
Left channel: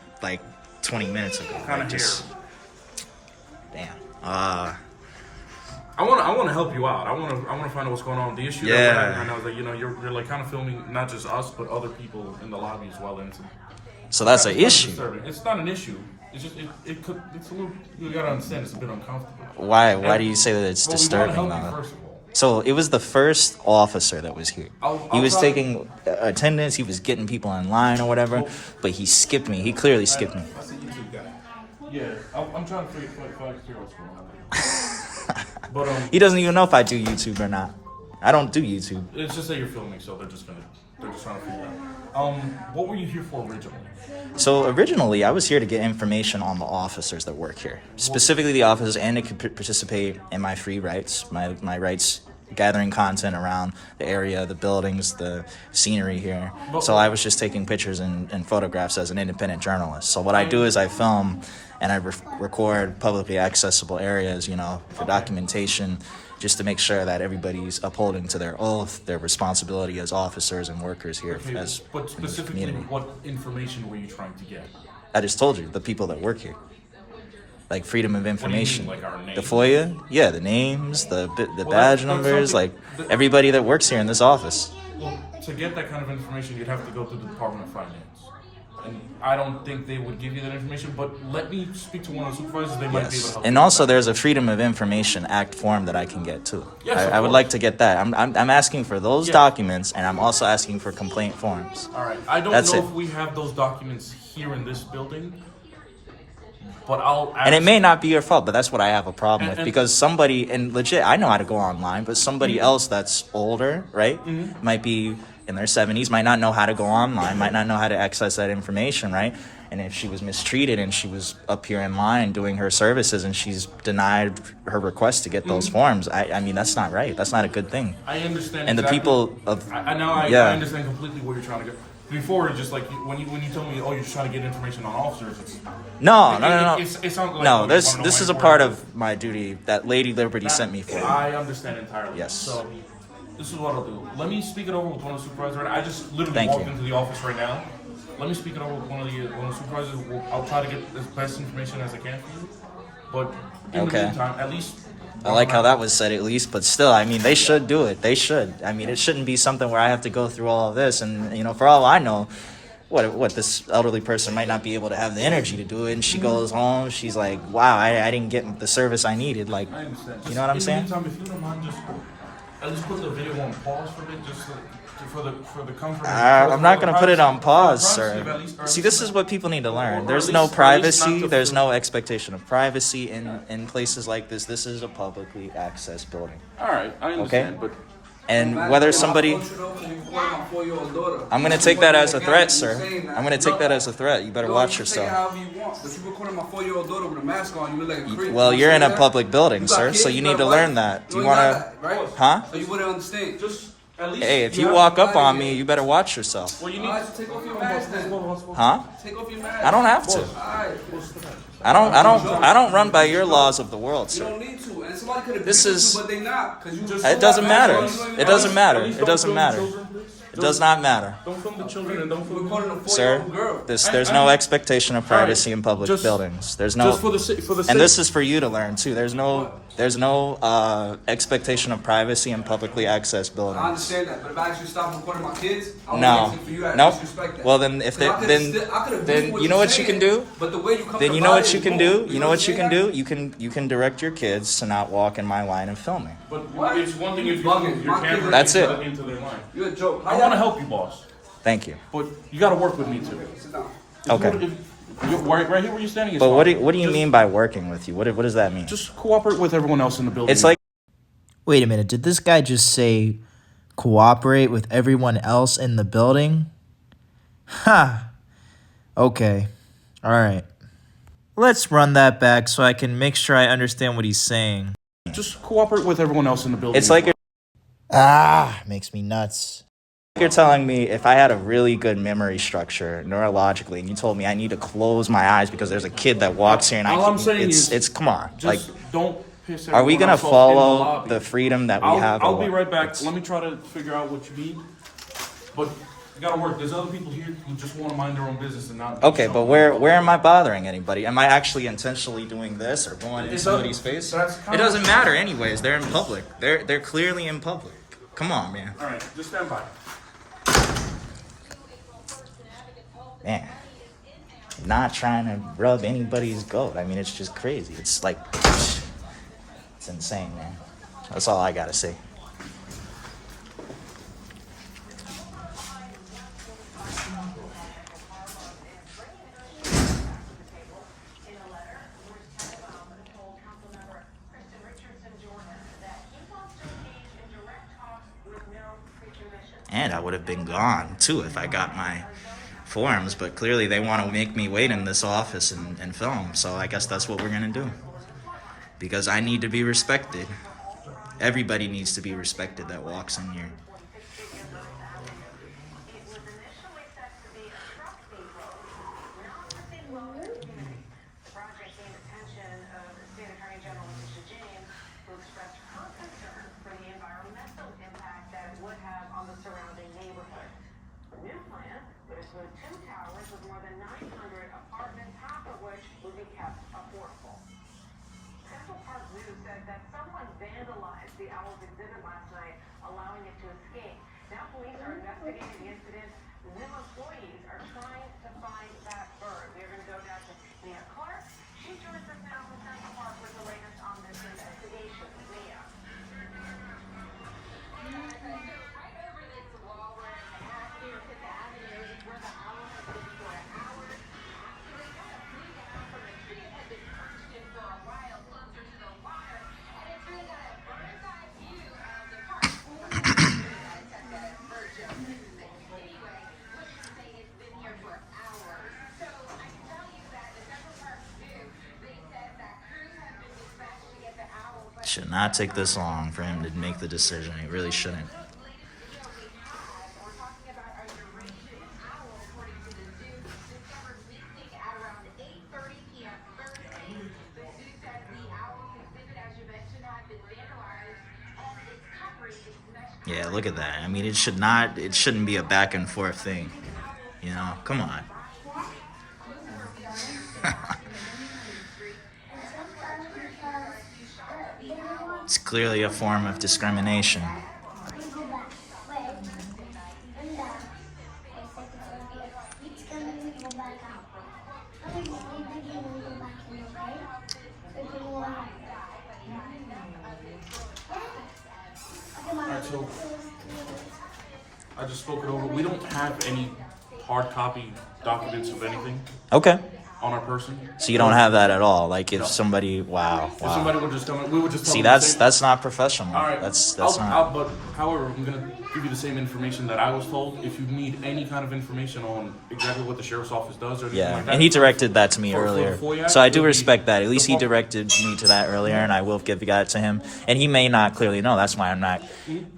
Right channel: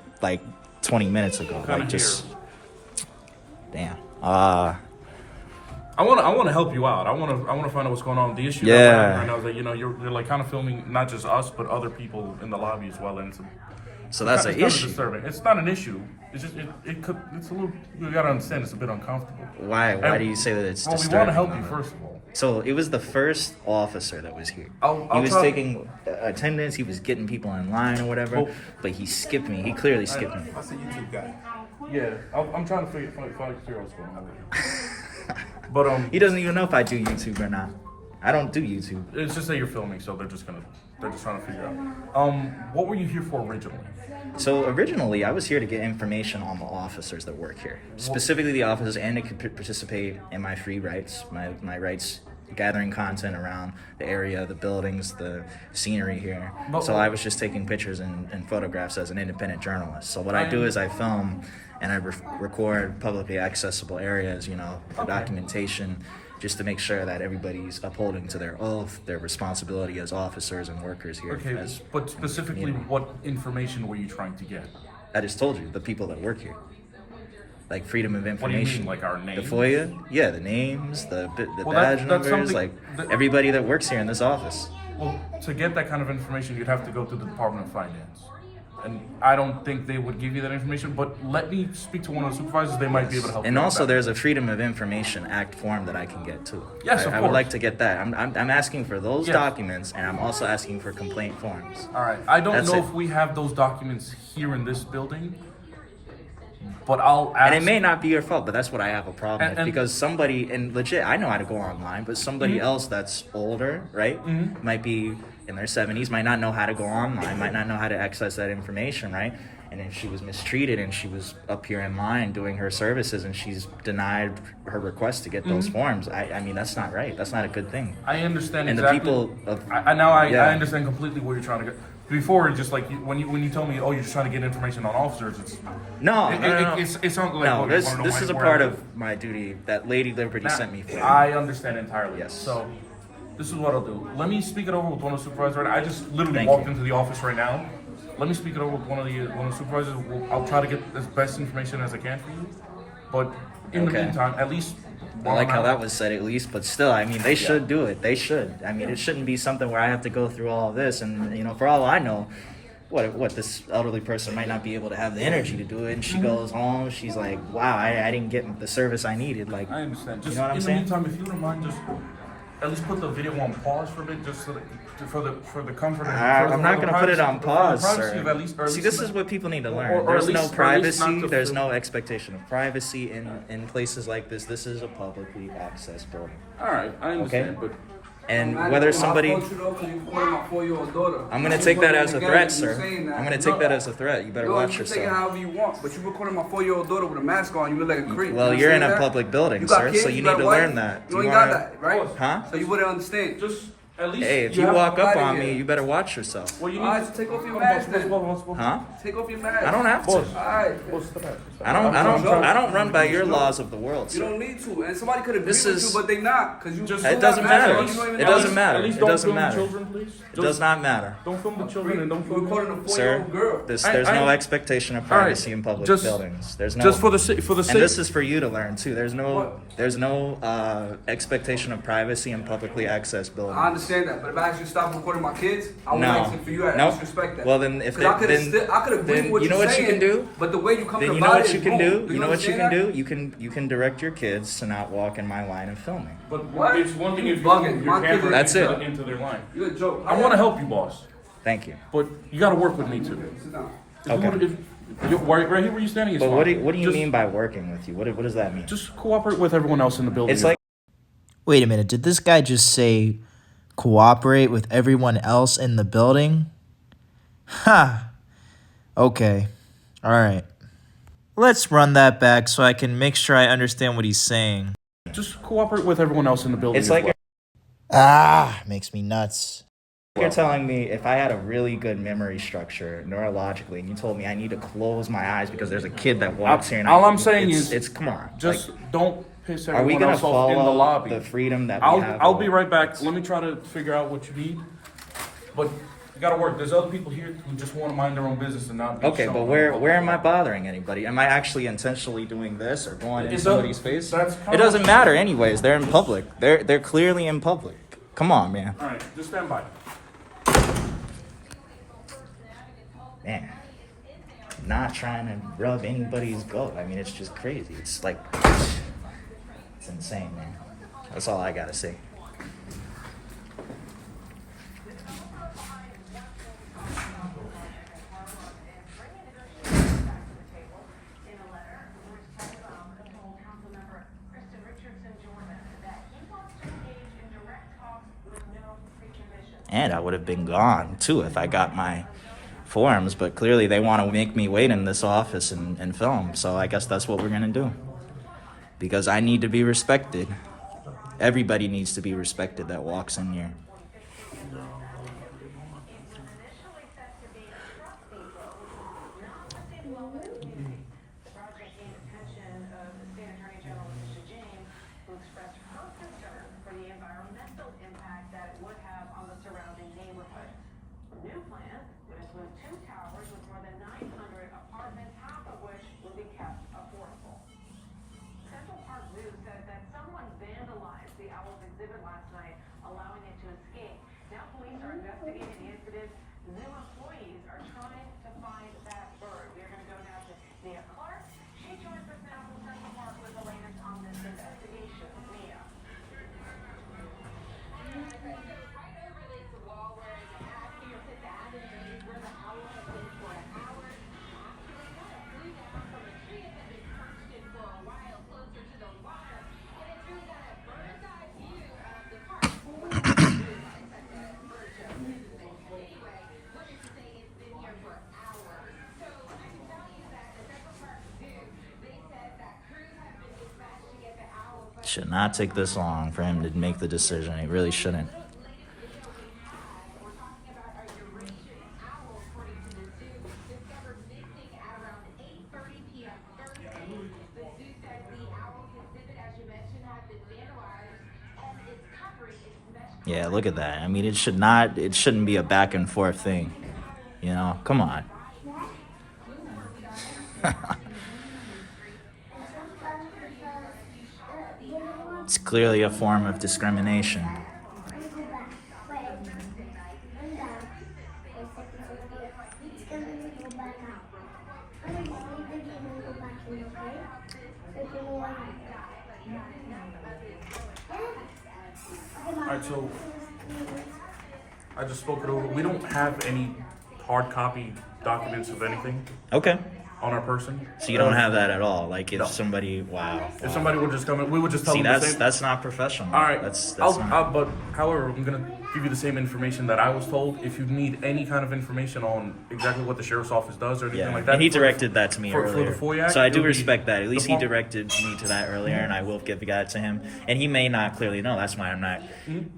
20 minutes ago. What kind of hair? Damn. I want to help you out. I want to find out what's going on. The issue that we're having right now is that you're like kind of filming not just us but other people in the lobby as well, and so that's an issue. Disturbing. It's not an issue. It's just it's a little. You gotta understand it's a bit uncomfortable. Why do you say that it's disturbing? We want to help you first of all. So it was the first officer that was here. He was taking attendance. He was getting people in line or whatever, but he skipped me. He clearly skipped me. That's a YouTube guy. Yeah, I'm trying to figure what's going on. But he doesn't even know if I do YouTube or not. I don't do YouTube. It's just that you're filming, so they're just trying to figure out. What were you here for originally? So originally, I was here to get information on the officers that work here, specifically the officers, and to participate in my free rights, my rights, gathering content around the area, the buildings, the scenery here. So I was just taking pictures and photographs as an independent journalist. So what I do is I film and I record publicly accessible areas, for documentation, just to make sure that everybody's upholding to their oath, their responsibility as officers and workers here. Okay, but specifically, what information were you trying to get? I just told you, the people that work here. Like freedom of What do you information. mean, like our name? The FOIA? Yeah, the names, the Well, badge that's numbers, like something everybody that works here in this office. Well, to get that kind of information, you'd have to go to the Department of Finance. And I don't think they would give you that information, but let me speak to one of the supervisors. They might be able to help you. And with also, that. there's a Freedom of Information Act form that I can get too. Yes, of I would course. like to get that. I'm asking for those Yeah. documents, and I'm also asking for complaint forms. All right. I don't That's know it. if we have those documents here in this building, but I'll ask. And it may not be your fault, but that's what I have a problem with, And- because somebody, and legit, I know how to go online, but somebody else that's older, right, might be in their 70s, might not know how to go online, might not know how to access that information, right? And if she was mistreated and she was up here in line doing her services and she's denied her request to get those forms, I mean, that's not right. That's not a good thing. I understand. And exactly. the people of I understand completely what you're trying to get. Before, just like when you told me, oh, you're just trying to get information on officers, it's No, it, no, no, no. It sounds like No, oh, you this wanna know this is a where part I live. of my duty that Lady Liberty sent me for. I understand entirely. Yes. So, this is what I'll do. Let me speak it over with one of the supervisors. Right now. I just literally Thank walked you. into the office right now. Let me speak it over with one of the supervisors. I'll try to get as best information as I can for you. But in the Okay. meantime, at least. I like how that was said at least, but still, I mean, they should do it. They should. I mean, it shouldn't be something where I have to go through all of this, and for all I know, what this elderly person might not be able to have the energy to do it, and she goes home, she's like, wow, I didn't get the service I needed. Like, I understand. Just you know what I'm in saying? the meantime, if you don't mind, just at least put the video on pause for a bit, just so that, for the comfort. I'm not going to put it on pause, sir. Or See, this is what people need to learn. or There's at no least- or at least privacy. not to There's feel- no expectation of privacy in places like this. This is a publicly accessed building. All right, I understand, Okay. but. And whether somebody... I'm going to take that as a threat, sir. I'm going to take that as a threat. You better watch Take it yourself. however you want, but you recording my 4-year-old daughter with a mask on, you look like a creep. Well, You you're in see a that? public building, You got sir, kids, so you got need to a wife, learn that. You You ain't got want that, right? Huh? So you wouldn't understand. Just at least. Hey, if you walk up on me, you better watch yourself. Well, you Alright, so take off your mask then. Huh? Take off your mask. I don't have to. Alright. I don't run by your laws of the world, You sir. don't need to. And somebody could agree This with is- you, but they not. Cause you just It doesn't matter. You don't even It know doesn't you- matter. At least It don't doesn't film the matter. children, please. It does not matter. Don't film the children and don't You're film. recording a 4-year-old Sir, girl. there's no expectation of privacy in public Just- buildings. There's no. Just for the sake. And this is for you to learn too. There's no expectation of privacy in publicly accessed buildings. I understand that, but if I ask you to stop recording my kids, I would No. ask for you to Nope. disrespect that. Well, then if 'Cause I they- could've then- I could agree then with what you know you're what you saying, can do? But the way you come Then to you know about what it you is can wrong. do. You know what what you I'm can do. saying? You can direct your kids to not walk in my line of filming. But What? it's one thing You if you bugging. move your My kids camera are- That's it. into their line. You're a joke. I want to help you, boss, Thank you. but you got to work with me too. Sit down. Okay. Right here where you're standing is But fine. what do you Just- mean by working with you? What does that mean? Just cooperate with everyone else in the building. It's like Wait a minute, did this guy just say cooperate with everyone else in the building? Ha! Okay. Alright. Let's run that back so I can make sure I understand what he's saying. just cooperate with everyone else in the building. it's as like well. Makes me nuts. you're telling me if I had a really good memory structure neurologically, and you told me I need to close my eyes because there's a kid that walks here, and All I'm saying is, it's come on, just like, don't piss are we everyone gonna else off in the follow lobby. the freedom that we I'll have? I'll or be what? right back. Let me try to figure out what you need. But you gotta work. There's other people here who just want to mind their own business and not. be Okay, shown but in where public. where am I bothering anybody? Am I actually intentionally doing this or going in It somebody's doesn't- face? that's kind It doesn't matter anyways. They're in public. They're clearly in public. Come on, man. All right, just stand by. Man. Not trying to rub anybody's goat. I mean, it's just crazy. It's like it's insane, man. That's all I gotta say. And I would have been gone too if I got my forms, but clearly they want to make me wait in this office and film. So I guess that's what we're gonna do. Because I need to be respected. Everybody needs to be respected that walks in here. Should not take this long for him to make the decision. He really shouldn't. Yeah, look at that. I mean, it shouldn't be a back and forth thing. You know, come on. It's clearly a form of discrimination. Alright, so I just spoke it over. We don't have any hard copy documents of anything Okay. on our person. So you don't have that at all. Like if No. somebody, wow. If somebody would just come in, we would just tell See, them the same. that's not professional. All right. That's But however, I'm gonna give you the same information that I was told. If you need any kind of information on exactly what the sheriff's office does or anything Yeah, like that, and he directed that to me for earlier. the FOIA Act, So I it do would be respect that. At least he the- directed me to that earlier, and I will give that to him. And he may not clearly know. That's why I'm not.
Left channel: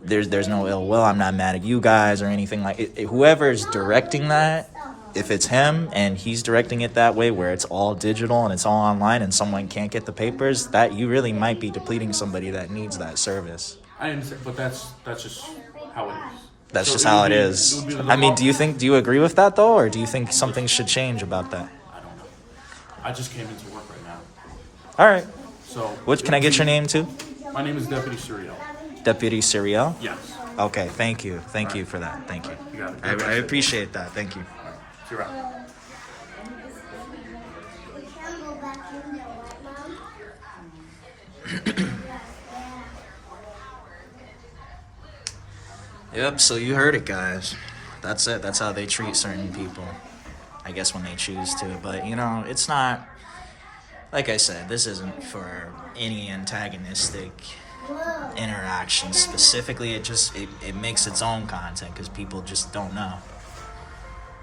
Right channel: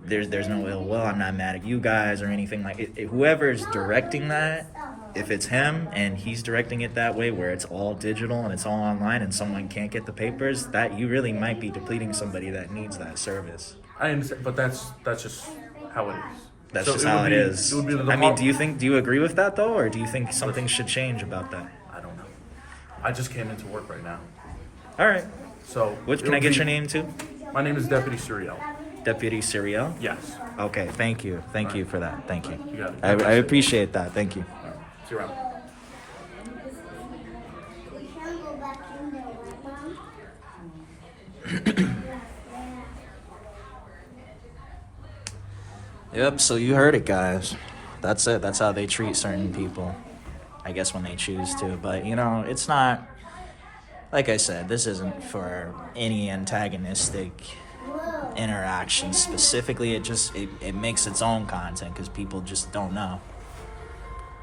There's no ill will. I'm not mad at you guys or anything like it. Whoever's directing that, if it's him and he's directing it that way, where it's all digital and it's all online, and someone can't get the papers, that you really might be depleting somebody that needs that service. I understand, but that's just how it is. That's So just it how would it be- is. it would be the I mean, depart- do you agree with that though, or do you think something should change about that? I don't know. I just came into work right now. All right. So What can I get your name too? My name is Deputy Suriel. Deputy Serial? Yes. Okay, thank you. Thank you for that. Thank you. You got it. I appreciate that. Thank you. All right. See you around. Yep, so you heard it, guys. That's it. That's how they treat certain people. I guess when they choose to. But, you know, it's not... Like I said, this isn't for any antagonistic interaction specifically. It makes its own content because people just don't know.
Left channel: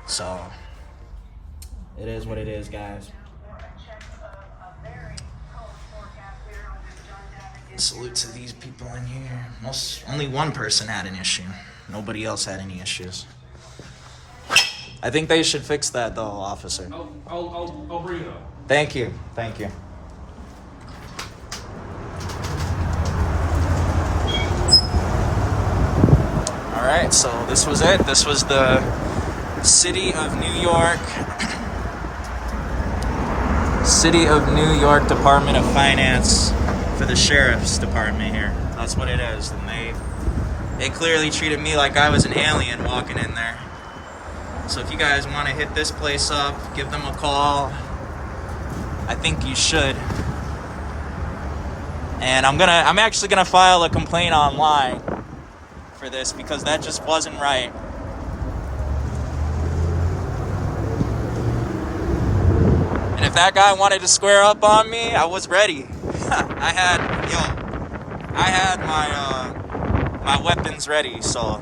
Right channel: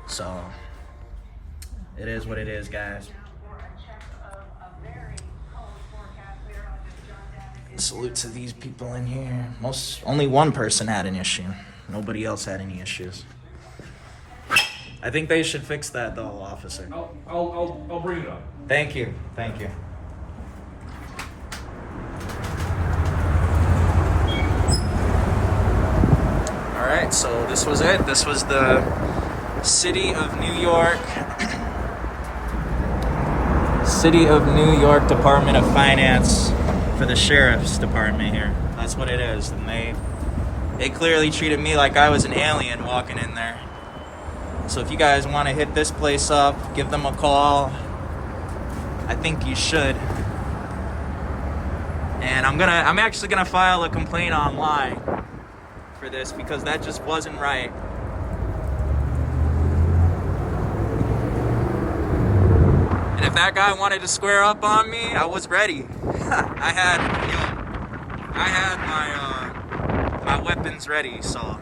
So, it is what it is, guys. Salute to these people in here. Only one person had an issue. Nobody else had any issues. I think they should fix that though, officer. I'll bring it up. Thank you. Thank you. All right, so this was it. This was the City of New York Department of Finance for the Sheriff's Department here. That's what it is. And they clearly treated me like I was an alien walking in there. So if you guys want to hit this place up, give them a call. I think you should. And I'm actually gonna file a complaint online for this because that just wasn't right. And if that guy wanted to square up on me, I was ready. I had my weapons ready, so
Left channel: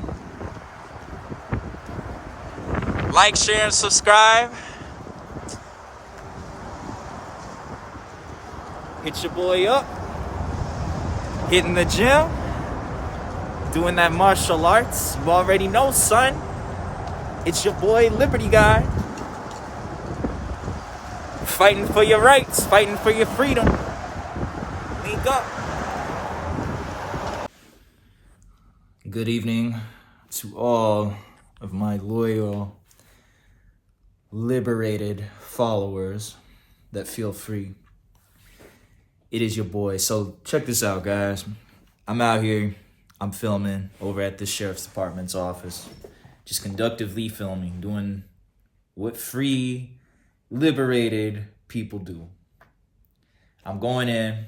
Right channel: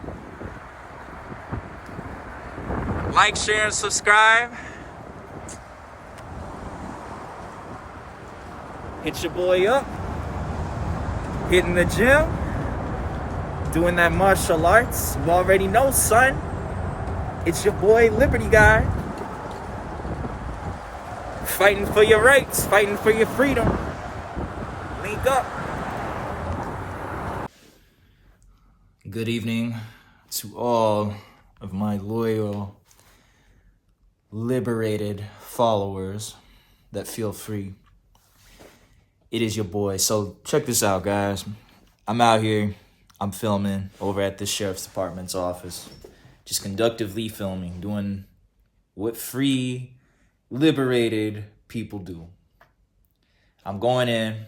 like, share, and subscribe. Hit your boy up. Hitting the gym. Doing that martial arts. You already know, son. It's your boy, Liberty Guy. Fighting for your rights. Fighting for your freedom. Link up. Good evening to all of my loyal, liberated followers that feel free. It is your boy. So check this out, guys. I'm out here. I'm filming over at the Sheriff's Department's office. just conductively filming, doing what free, liberated people do. I'm going in,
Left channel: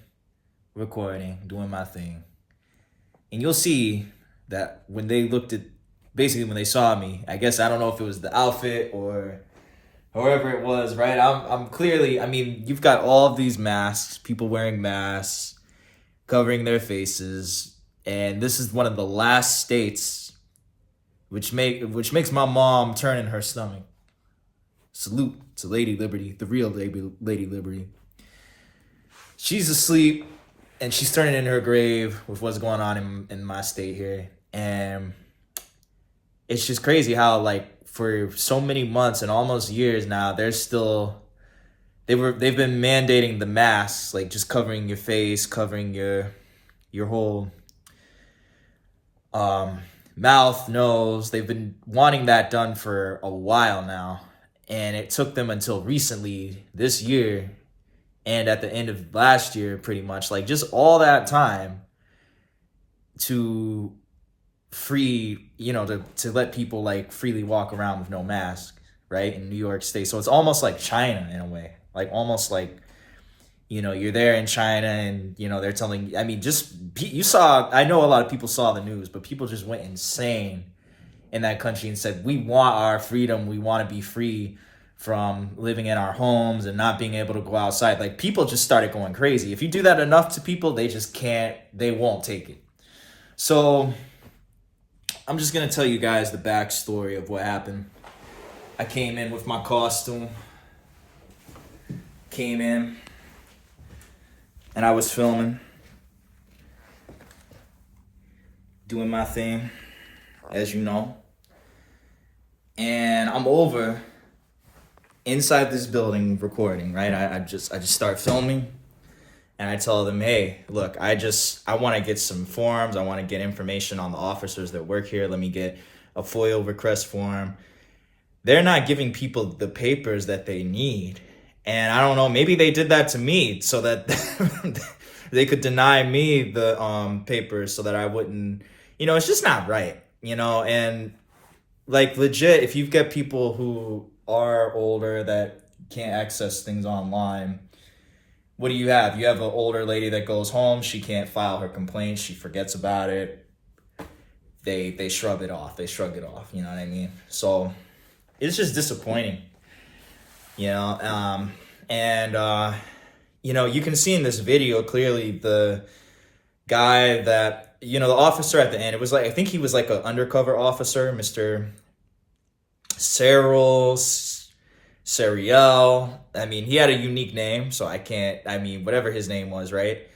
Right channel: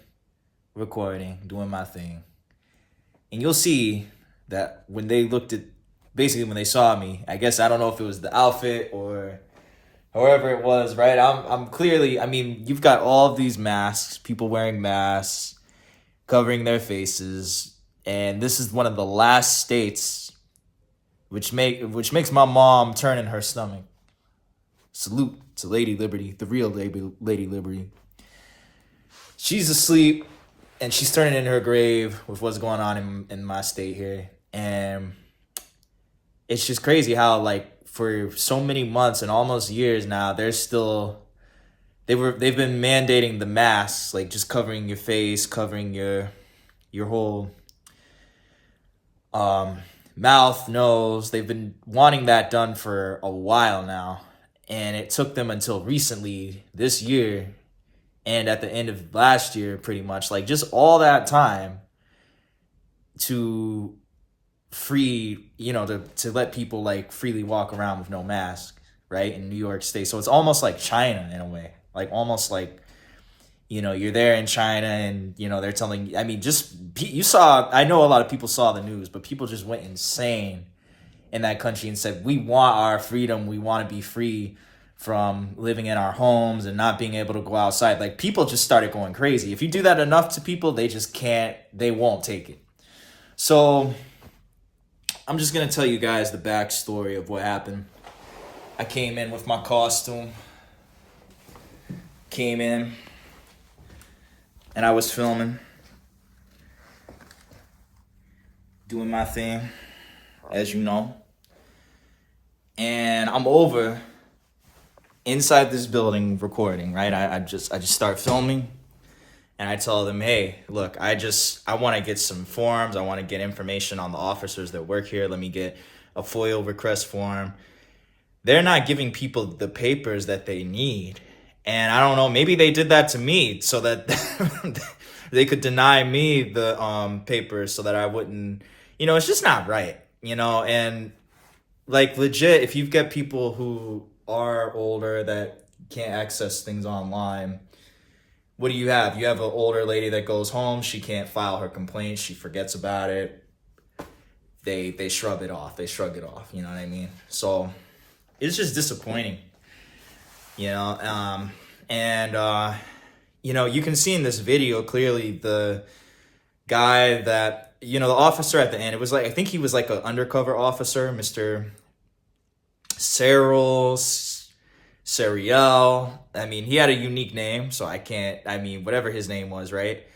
recording, doing my thing. And you'll see that when they looked at, basically when they saw me, I guess, I don't know if it was the outfit or however it was, right? I'm clearly, I mean, you've got all of these masks, people wearing masks, covering their faces. And this is one of the last states which makes my mom turn in her stomach. Salute to Lady Liberty, the real Lady Liberty. She's asleep, and she's turning in her grave with what's going on in my state here. And it's just crazy how, like, for so many months and almost years now, they've been mandating the masks, like just covering your face, covering your whole mouth, nose. They've been wanting that done for a while now. And it took them until recently, this year, and at the end of last year, pretty much, like just all that time to free, to let people like freely walk around with no mask, right, in New York State. So it's almost like China in a way, like almost like, you're there in China and, they're telling, I mean, I know a lot of people saw the news, but people just went insane in that country and said, we want our freedom. We want to be free from living in our homes and not being able to go outside. Like, people just started going crazy. If you do that enough to people, they won't take it. So I'm just going to tell you guys the backstory of what happened. I came in with my costume, and I was filming, doing my thing, as you know. And I'm over inside this building recording, right? I just start filming, and I tell them, hey, look, I want to get some forms. I want to get information on the officers that work here. Let me get a FOIA request form. They're not giving people the papers that they need. And I don't know, maybe they did that to me so that they could deny me the papers so that I wouldn't, it's just not right, and like legit, if you've got people who are older that can't access things online, what do you have? You have an older lady that goes home, she can't file her complaint, she forgets about it, they shrug it off, you know what I mean? So it's just disappointing. You can see in this video clearly the guy that, the officer at the end, it was like, I think he was like an undercover officer, Mr. Sariel. I mean, he had a unique name, so whatever his name was, right?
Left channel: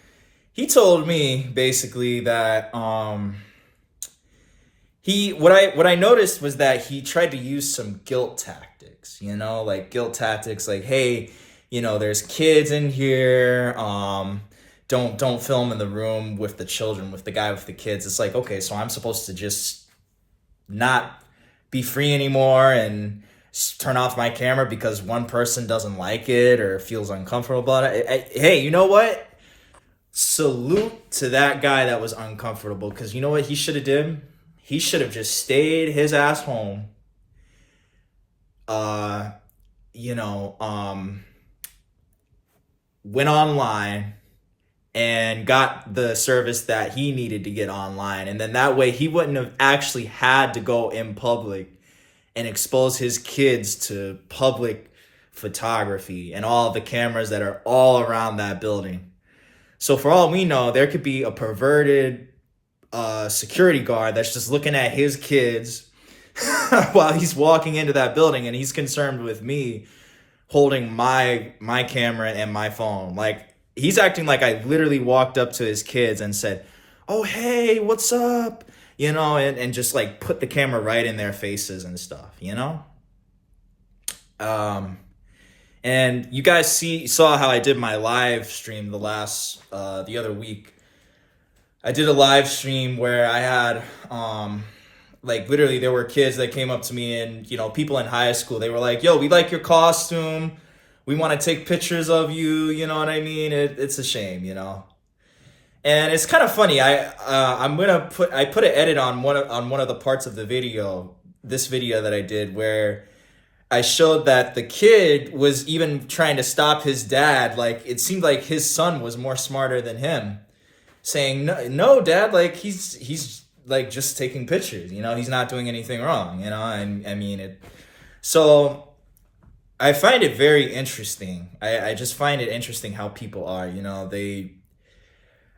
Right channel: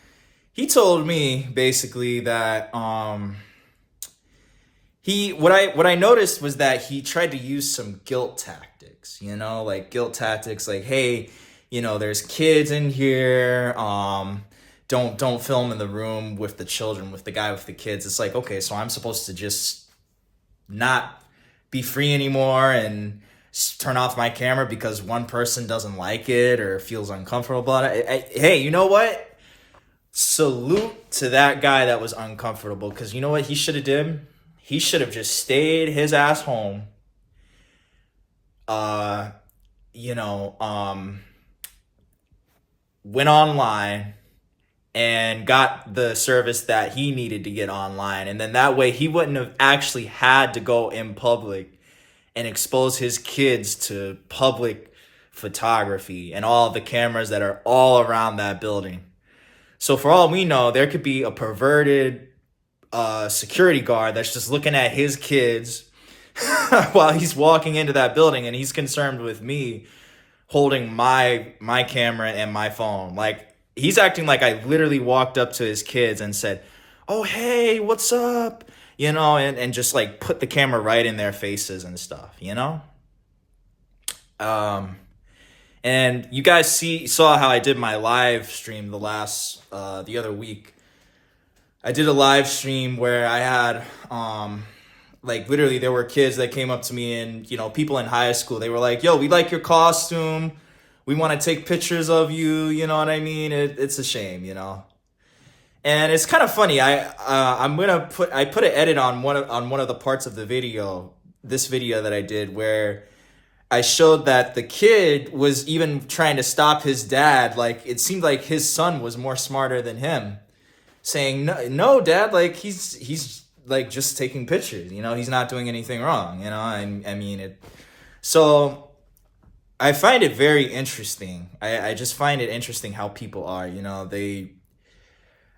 He told me basically that, what I noticed was that he tried to use some guilt tactics, like, hey, there's kids in here. Don't film in the room with the children, with the guy with the kids. It's like, okay, so I'm supposed to just not be free anymore and turn off my camera because one person doesn't like it or feels uncomfortable about it. Hey, you know what? Salute to that guy that was uncomfortable, because you know what he should have did? He should have just stayed his ass home. Went online and got the service that he needed to get online. And then that way he wouldn't have actually had to go in public and expose his kids to public photography and all the cameras that are all around that building. So for all we know, there could be a perverted security guard that's just looking at his kids while he's walking into that building, and he's concerned with me holding my camera and my phone. Like, he's acting like I literally walked up to his kids and said, oh, hey, what's up? And just like put the camera right in their faces and stuff, And you guys saw how I did my live stream the other week. I did a live stream where I had, literally there were kids that came up to me and, people in high school, they were like, yo, we like your costume. We want to take pictures of you. You know what I mean? It's a shame, And it's kind of funny. I put an edit on one of the parts of the video this video that I did where I showed that the kid was even trying to stop his dad. Like, it seemed like his son was more smarter than him, saying, no, dad, like, he's like just taking pictures, you know, he's not doing anything wrong, you know, and I mean, so I find it very interesting. I just find it interesting how people are, you know,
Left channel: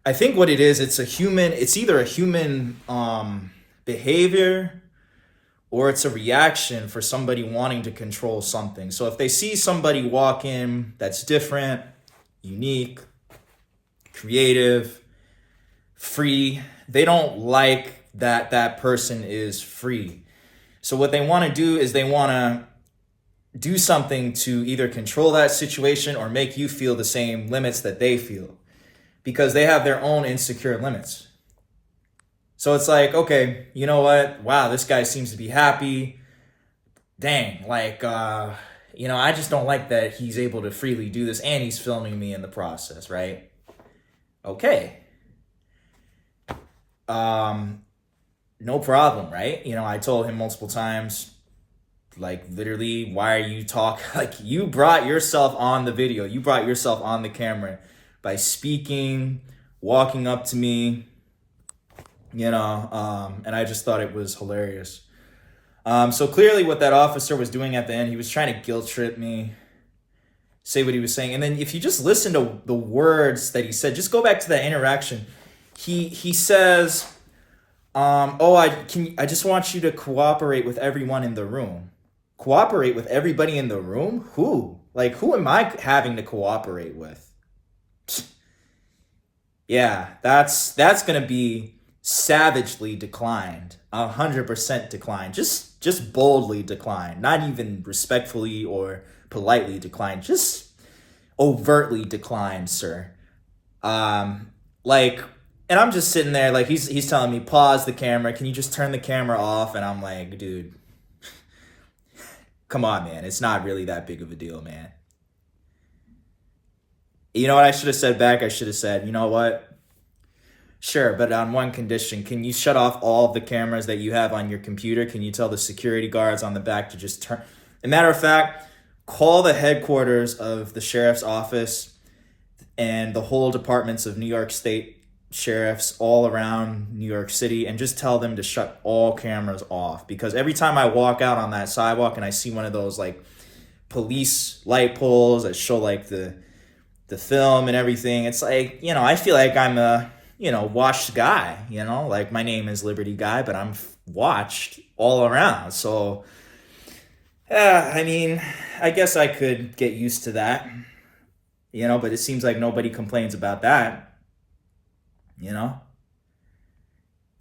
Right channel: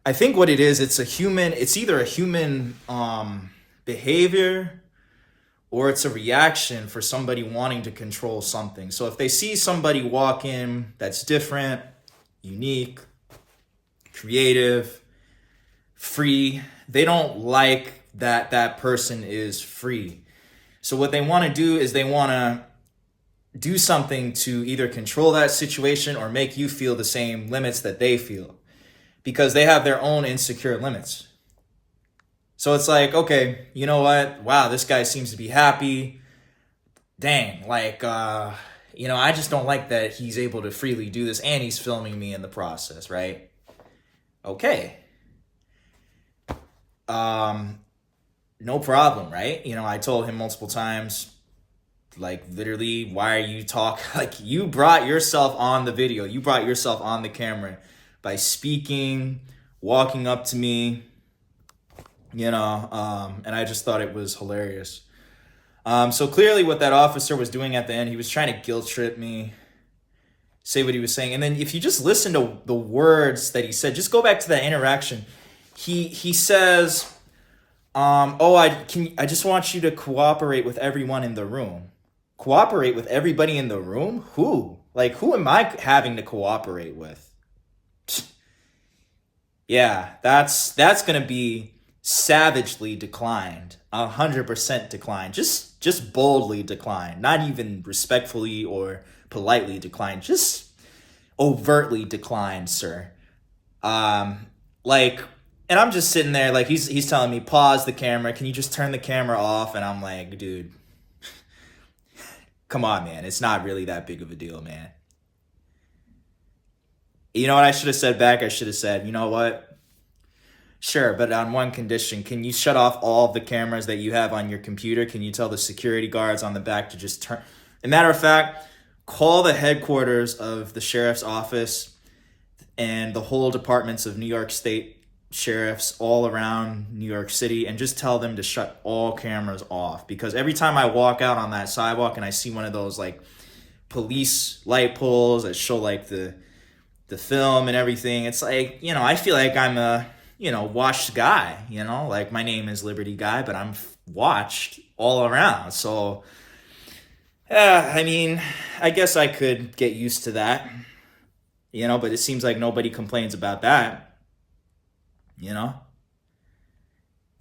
I think what it is, it's either a human behavior, or it's a reaction for somebody wanting to control something. So if they see somebody walk in that's different, unique, creative, free, they don't like that person is free. So what they want to do is they want to do something to either control that situation or make you feel the same limits that they feel, because they have their own insecure limits. So it's like, okay, you know what? Wow, this guy seems to be happy. Dang, like, you know, I just don't like that he's able to freely do this and he's filming me in the process, right? Okay. No problem, right? You know, I told him multiple times, like, literally, why are you talking? Like, you brought yourself on the video. You brought yourself on the camera by speaking, walking up to me, you know, and I just thought it was hilarious. So clearly what that officer was doing at the end, he was trying to guilt trip me, say what he was saying. And then if you just listen to the words that he said, just go back to that interaction. He says, I just want you to cooperate with everyone in the room. Cooperate with everybody in the room? Who? Like, who am I having to cooperate with? Yeah, that's going to be savagely declined, 100% declined, just boldly declined, not even respectfully or politely declined, just overtly declined, sir. Like, and I'm just sitting there, like, he's telling me, pause the camera, can you just turn the camera off? And I'm like, dude, come on, man, it's not really that big of a deal, man. You know what I should have said back? I should have said, you know what? Sure, but on one condition, can you shut off all of the cameras that you have on your computer? Can you tell the security guards on the back to just turn? As a matter of fact, call the headquarters of the sheriff's office and the whole departments of New York State sheriffs all around New York City and just tell them to shut all cameras off. Because every time I walk out on that sidewalk and I see one of those like police light poles that show like the film and everything, it's like, you know, I feel like I'm a, you know, watched guy, you know, like my name is Liberty Guy, but I'm watched all around. So, I mean, I guess I could get used to that, you know, but it seems like nobody complains about that, you know.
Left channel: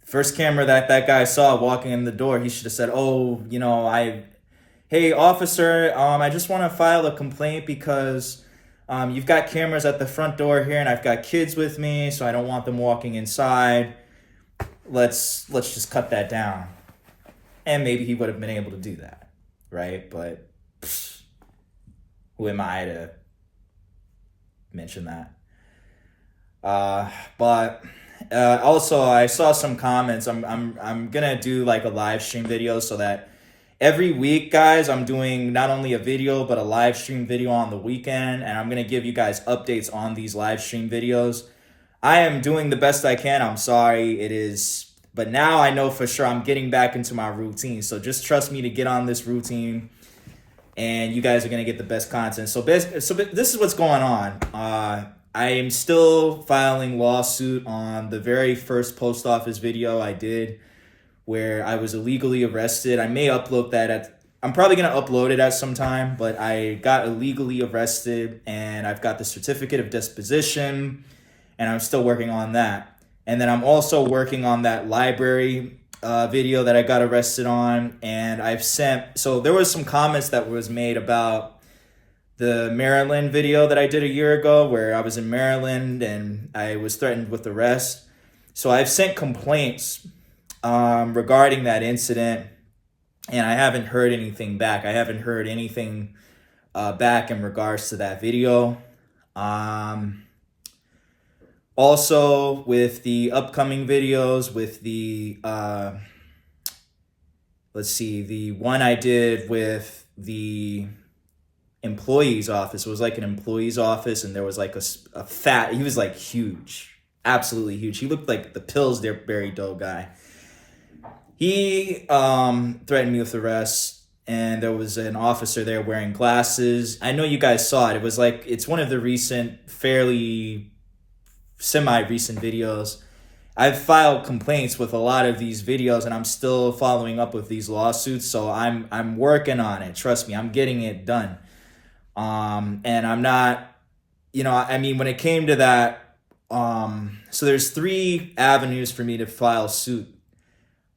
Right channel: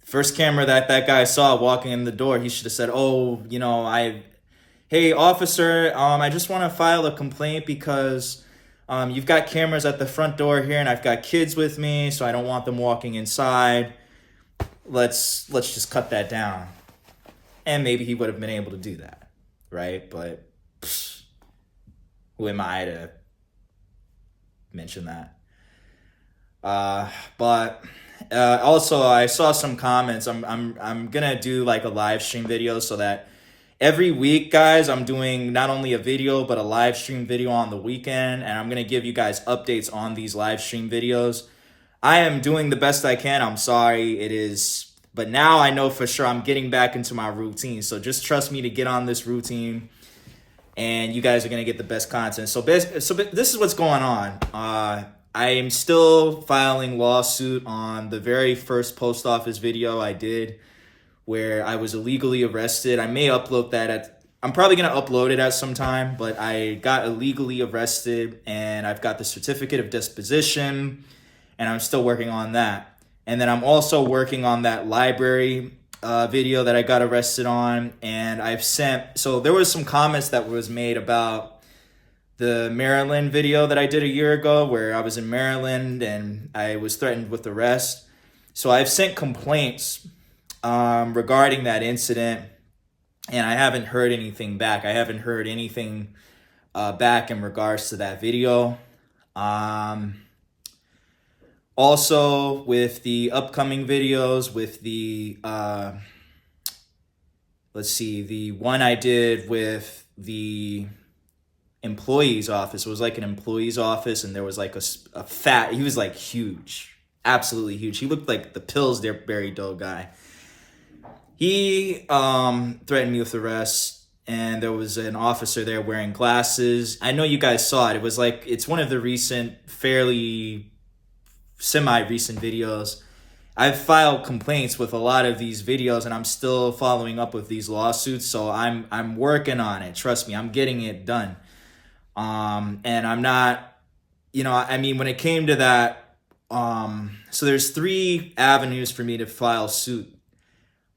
First camera that guy saw walking in the door, he should have said, oh, you know, hey, officer, I just want to file a complaint because you've got cameras at the front door here, and I've got kids with me, so I don't want them walking inside. Let's just cut that down. And maybe he would have been able to do that, right? But who am I to mention that? But also, I saw some comments. I'm gonna do like a live stream video so that every week, guys, I'm doing not only a video, but a live stream video on the weekend, and I'm going to give you guys updates on these live stream videos. I am doing the best I can. I'm sorry it is, but now I know for sure I'm getting back into my routine. So just trust me to get on this routine, and you guys are going to get the best content. So this is what's going on. I am still filing lawsuit on the very first post office video I did, where I was illegally arrested. I may upload that I'm probably going to upload it at some time, but I got illegally arrested and I've got the certificate of disposition and I'm still working on that. And then I'm also working on that library video that I got arrested on, and I've sent, so there was some comments that was made about the Maryland video that I did a year ago where I was in Maryland and I was threatened with arrest. So I've sent complaints regarding that incident, and I haven't heard anything back. I haven't heard anything back in regards to that video. Also, with the upcoming videos, with the let's see, the one I did with the employee's office was like an employee's office, and there was like a fat, he was like huge, absolutely huge. He looked like the Pillsbury Dough guy. He threatened me with arrest, and there was an officer there wearing glasses. I know you guys saw it. It was like, it's one of the recent, fairly semi-recent videos. I've filed complaints with a lot of these videos, and I'm still following up with these lawsuits. So I'm working on it. Trust me, I'm getting it done. And I'm not, I mean, when it came to that, so there's 3 avenues for me to file suit.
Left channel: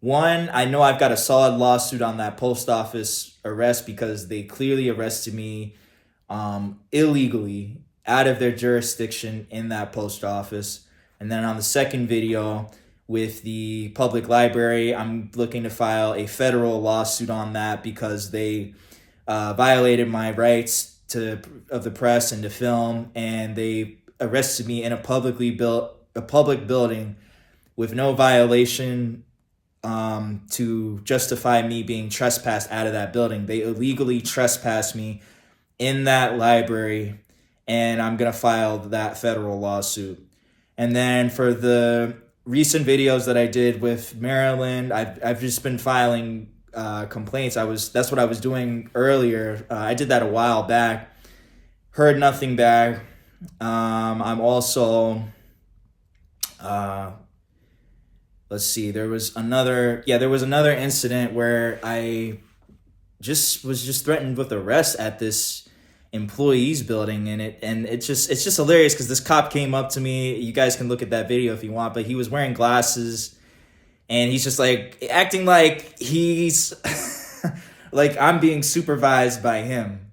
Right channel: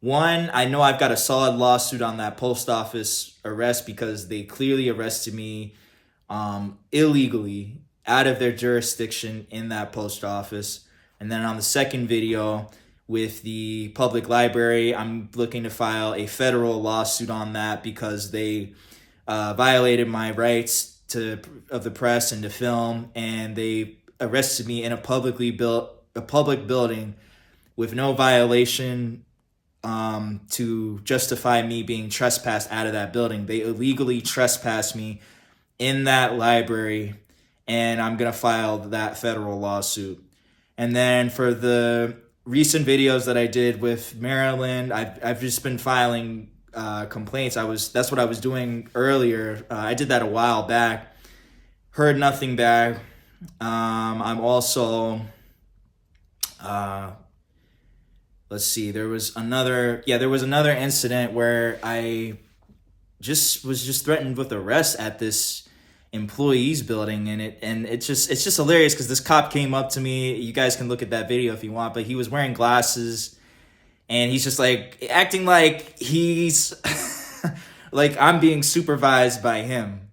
One, I know I've got a solid lawsuit on that post office arrest because they clearly arrested me illegally out of their jurisdiction in that post office. And then on the second video with the public library, I'm looking to file a federal lawsuit on that because they violated my rights of the press and to film, and they arrested me in a public building with no violation to justify me being trespassed out of that building. They illegally trespassed me in that library, and I'm going to file that federal lawsuit. And then for the recent videos that I did with Maryland, I've just been filing complaints. That's what I was doing earlier. I did that a while back. Heard nothing back. I'm also let's see, there was another incident where I was threatened with arrest at this employees building, and it's just hilarious because this cop came up to me. You guys can look at that video if you want, but he was wearing glasses, and he's just like acting like he's like I'm being supervised by him.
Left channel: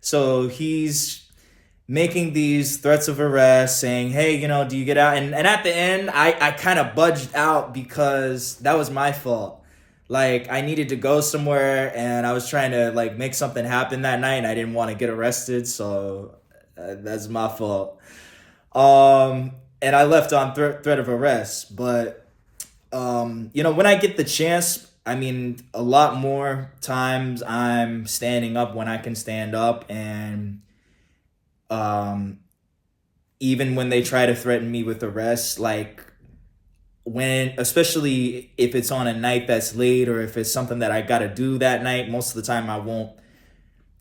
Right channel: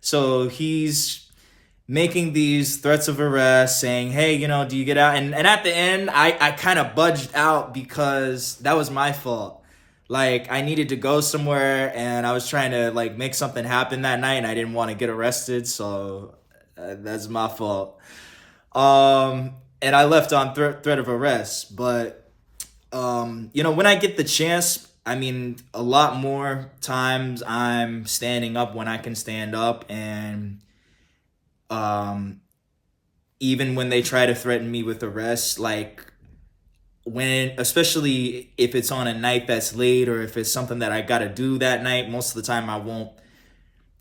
So he's making these threats of arrest, saying, hey, do you get out? And at the end, I kind of budged out because that was my fault. Like, I needed to go somewhere, and I was trying to, like, make something happen that night, and I didn't want to get arrested, so that's my fault. And I left on threat of arrest. But, when I get the chance, I mean, a lot more times I'm standing up when I can stand up, and even when they try to threaten me with arrest, like especially if it's on a night that's late or if it's something that I got to do that night, most of the time I won't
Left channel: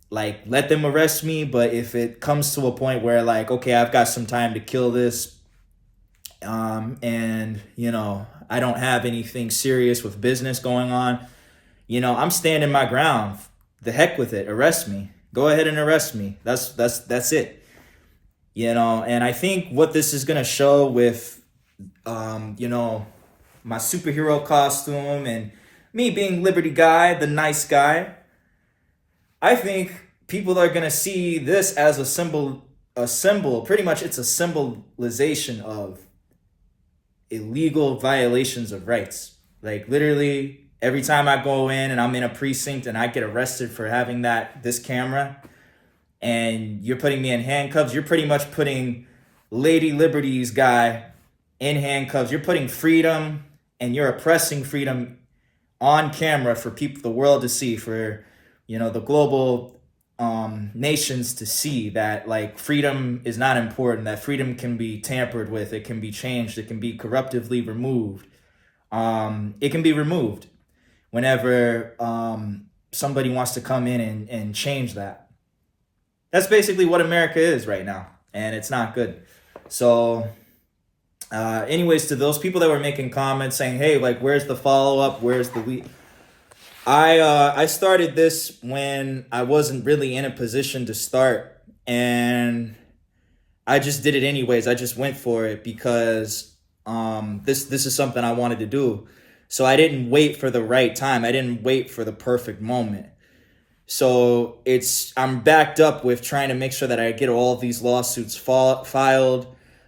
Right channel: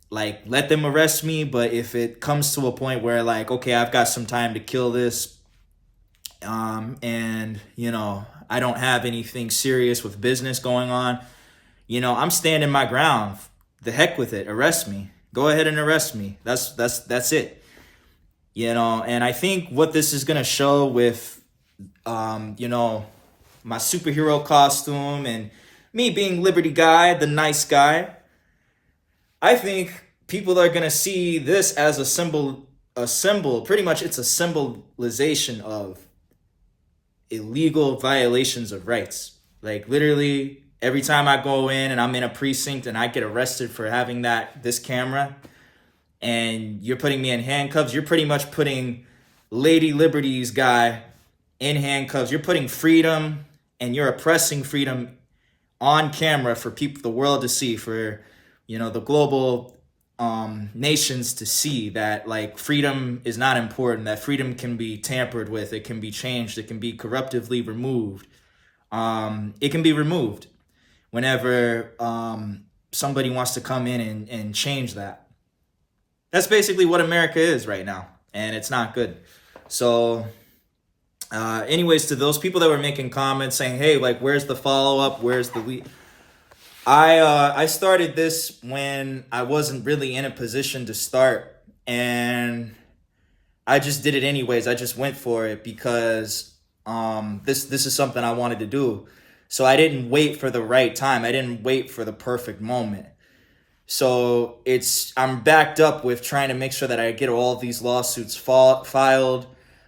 like let them arrest me. But if it comes to a point where like, okay, I've got some time to kill this, and I don't have anything serious with business going on, I'm standing my ground. The heck with it. Arrest me. Go ahead and arrest me. That's it. And I think what this is going to show with, my superhero costume and me being Liberty Guy, the nice guy, I think people are going to see this as a symbol, pretty much it's a symbolization of illegal violations of rights. Like literally every time I go in and I'm in a precinct and I get arrested for having this camera, and you're putting me in handcuffs, you're pretty much putting Lady Liberty's guy in handcuffs. You're putting freedom and you're oppressing freedom on camera for people, the world to see, for, the global nations to see that like freedom is not important, that freedom can be tampered with, it can be changed, it can be corruptively removed. It can be removed whenever somebody wants to come in and change that. That's basically what America is right now, and it's not good. So, anyways, to those people that were making comments saying, hey, like, where's the follow-up? Where's the lead? I started this when I wasn't really in a position to start, and I just did it anyways. I just went for it because this is something I wanted to do. So I didn't wait for the right time. I didn't wait for the perfect moment. So I'm backed up with trying to make sure that I get all of these lawsuits filed.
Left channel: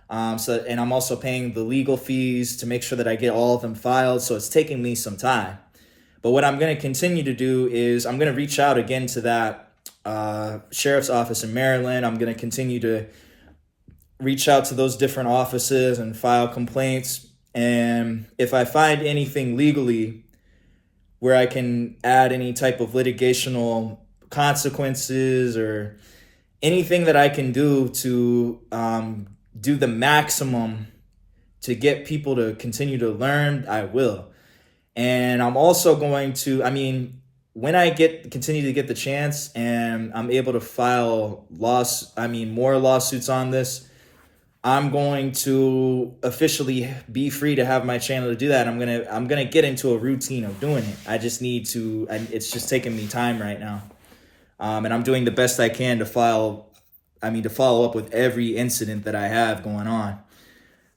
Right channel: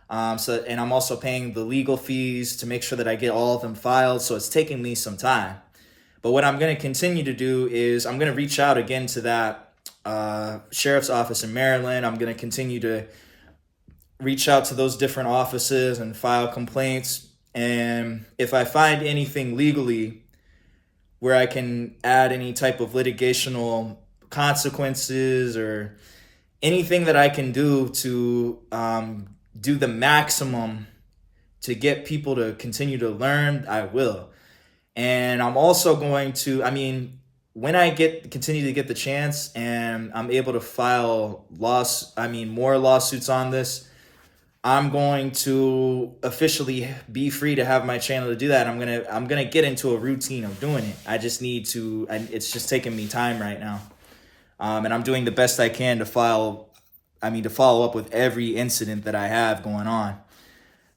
And I'm also paying the legal fees to make sure that I get all of them filed. So it's taking me some time. But what I'm going to continue to do is I'm going to reach out again to that sheriff's office in Maryland. I'm going to continue to reach out to those different offices and file complaints. And if I find anything legally, where I can add any type of litigational consequences or anything that I can do to do the maximum to get people to continue to learn, I will. And I'm also going to, I mean, when I continue to get the chance and I'm able to file more lawsuits on this, I'm going to officially be free to have my channel to do that. I'm gonna get into a routine of doing it. I just need to, and it's just taking me time right now. And I'm doing the best I can to follow up with every incident that I have going on.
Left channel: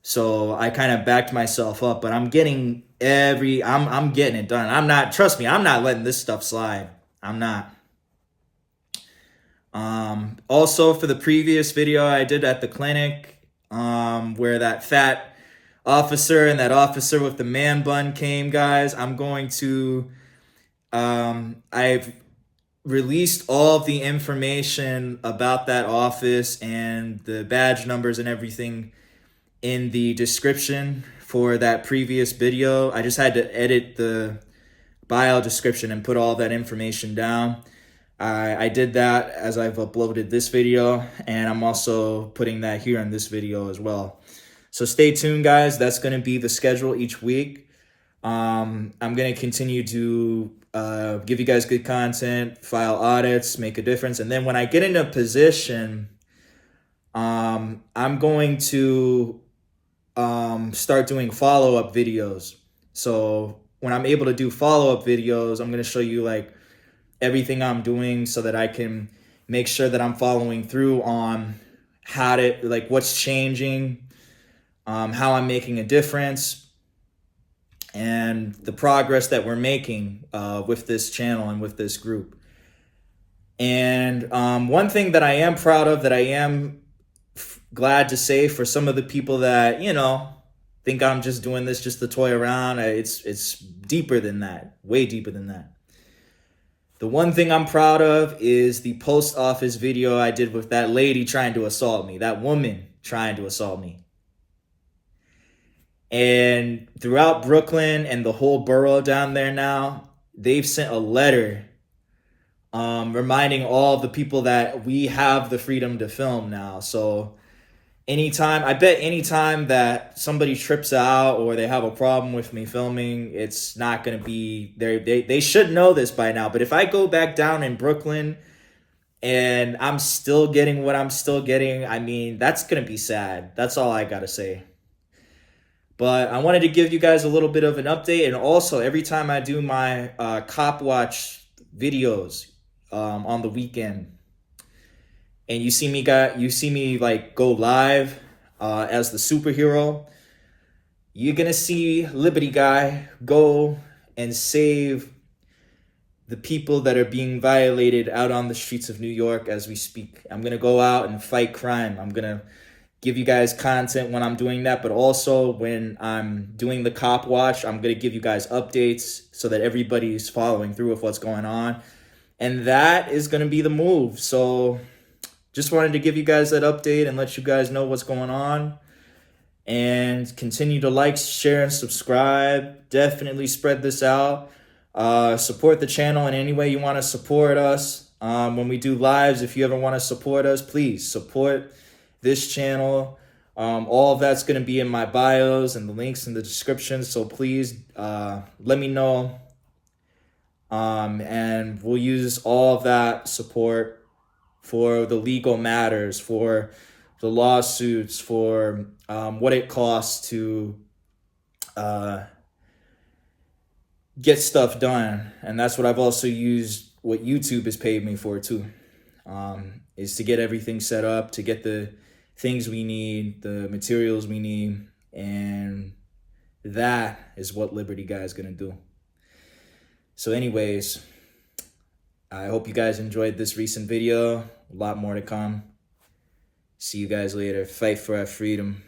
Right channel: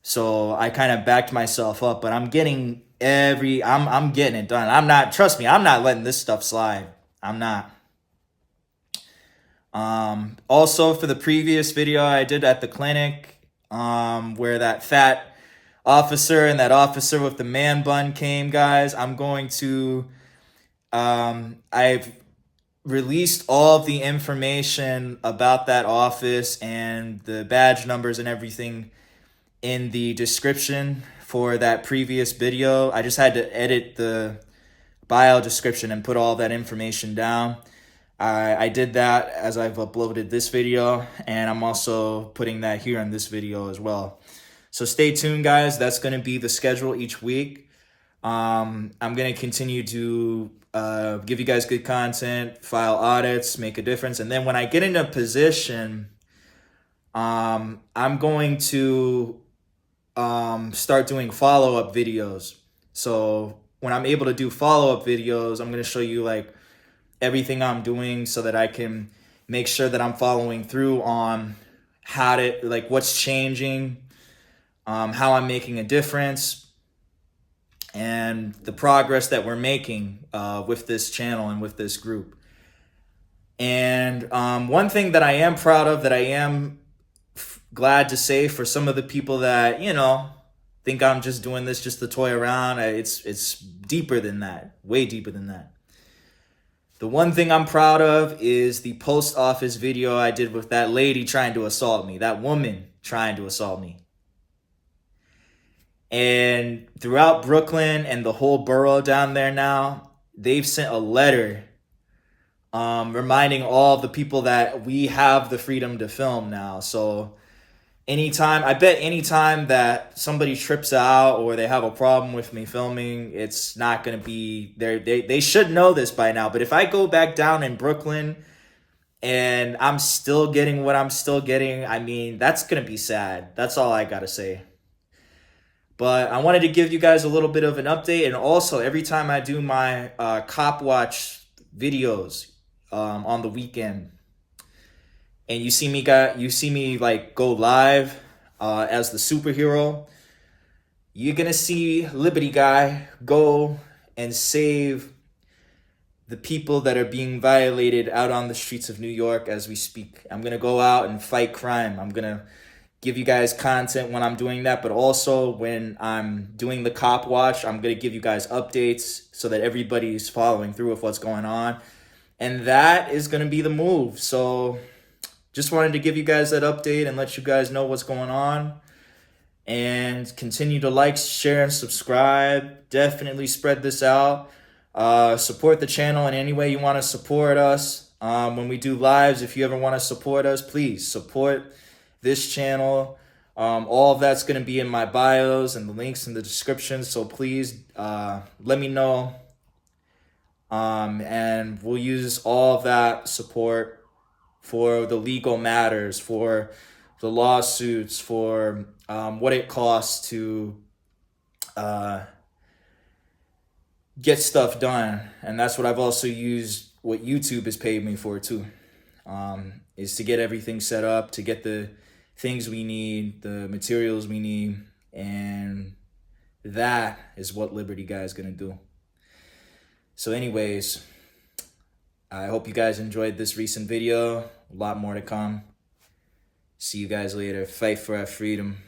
So I kind of backed myself up, but I'm getting I'm getting it done. Trust me, I'm not letting this stuff slide. I'm not. Also for the previous video I did at the clinic, where that fat officer and that officer with the man bun came, guys, I'm going to, I've released all of the information about that office and the badge numbers and everything in the description for that previous video. I just had to edit the bio description and put all that information down. I did that as I've uploaded this video, and I'm also putting that here in this video as well. So stay tuned, guys. That's going to be the schedule each week. I'm going to continue to give you guys good content, file audits, make a difference. And then when I get into a position, I'm going to start doing follow-up videos. So when I'm able to do follow-up videos, I'm going to show you like everything I'm doing so that I can make sure that I'm following through on how to, like, what's changing, how I'm making a difference, and the progress that we're making with this channel and with this group. And one thing that I am proud of, that I am glad to say for some of the people that, you know, think I'm just doing this just to toy around, it's deeper than that, way deeper than that. The one thing I'm proud of is the post office video I did with that lady trying to assault me, that woman trying to assault me. And throughout Brooklyn and the whole borough down there now, they've sent a letter reminding all the people that we have the freedom to film now. So anytime that somebody trips out or they have a problem with me filming, it's not going to be there. They should know this by now. But if I go back down in Brooklyn and I'm still getting what I'm still getting, I mean, that's going to be sad. That's all I got to say. But I wanted to give you guys a little bit of an update. And also, every time I do my Cop Watch videos on the weekend, and you see me like go live as the superhero, you're gonna see Liberty Guy go and save the people that are being violated out on the streets of New York as we speak. I'm gonna go out and fight crime. I'm gonna give you guys content when I'm doing that, but also when I'm doing the Cop Watch, I'm gonna give you guys updates so that everybody's following through with what's going on. And that is gonna be the move. So just wanted to give you guys that update and let you guys know what's going on. And continue to like, share, and subscribe. Definitely spread this out. Support the channel in any way you want to support us. When we do lives, if you ever want to support us, please support this channel. All of that's going to be in my bios and the links in the description. So please let me know. And we'll use all of that support for the legal matters, for the lawsuits, for what it costs to get stuff done. And that's what I've also used, what YouTube has paid me for too, is to get everything set up, to get the things we need, the materials we need, and that is what Liberty Guy is going to do. So anyways, I hope you guys enjoyed this recent video. A lot more to come. See you guys later. Fight for our freedom.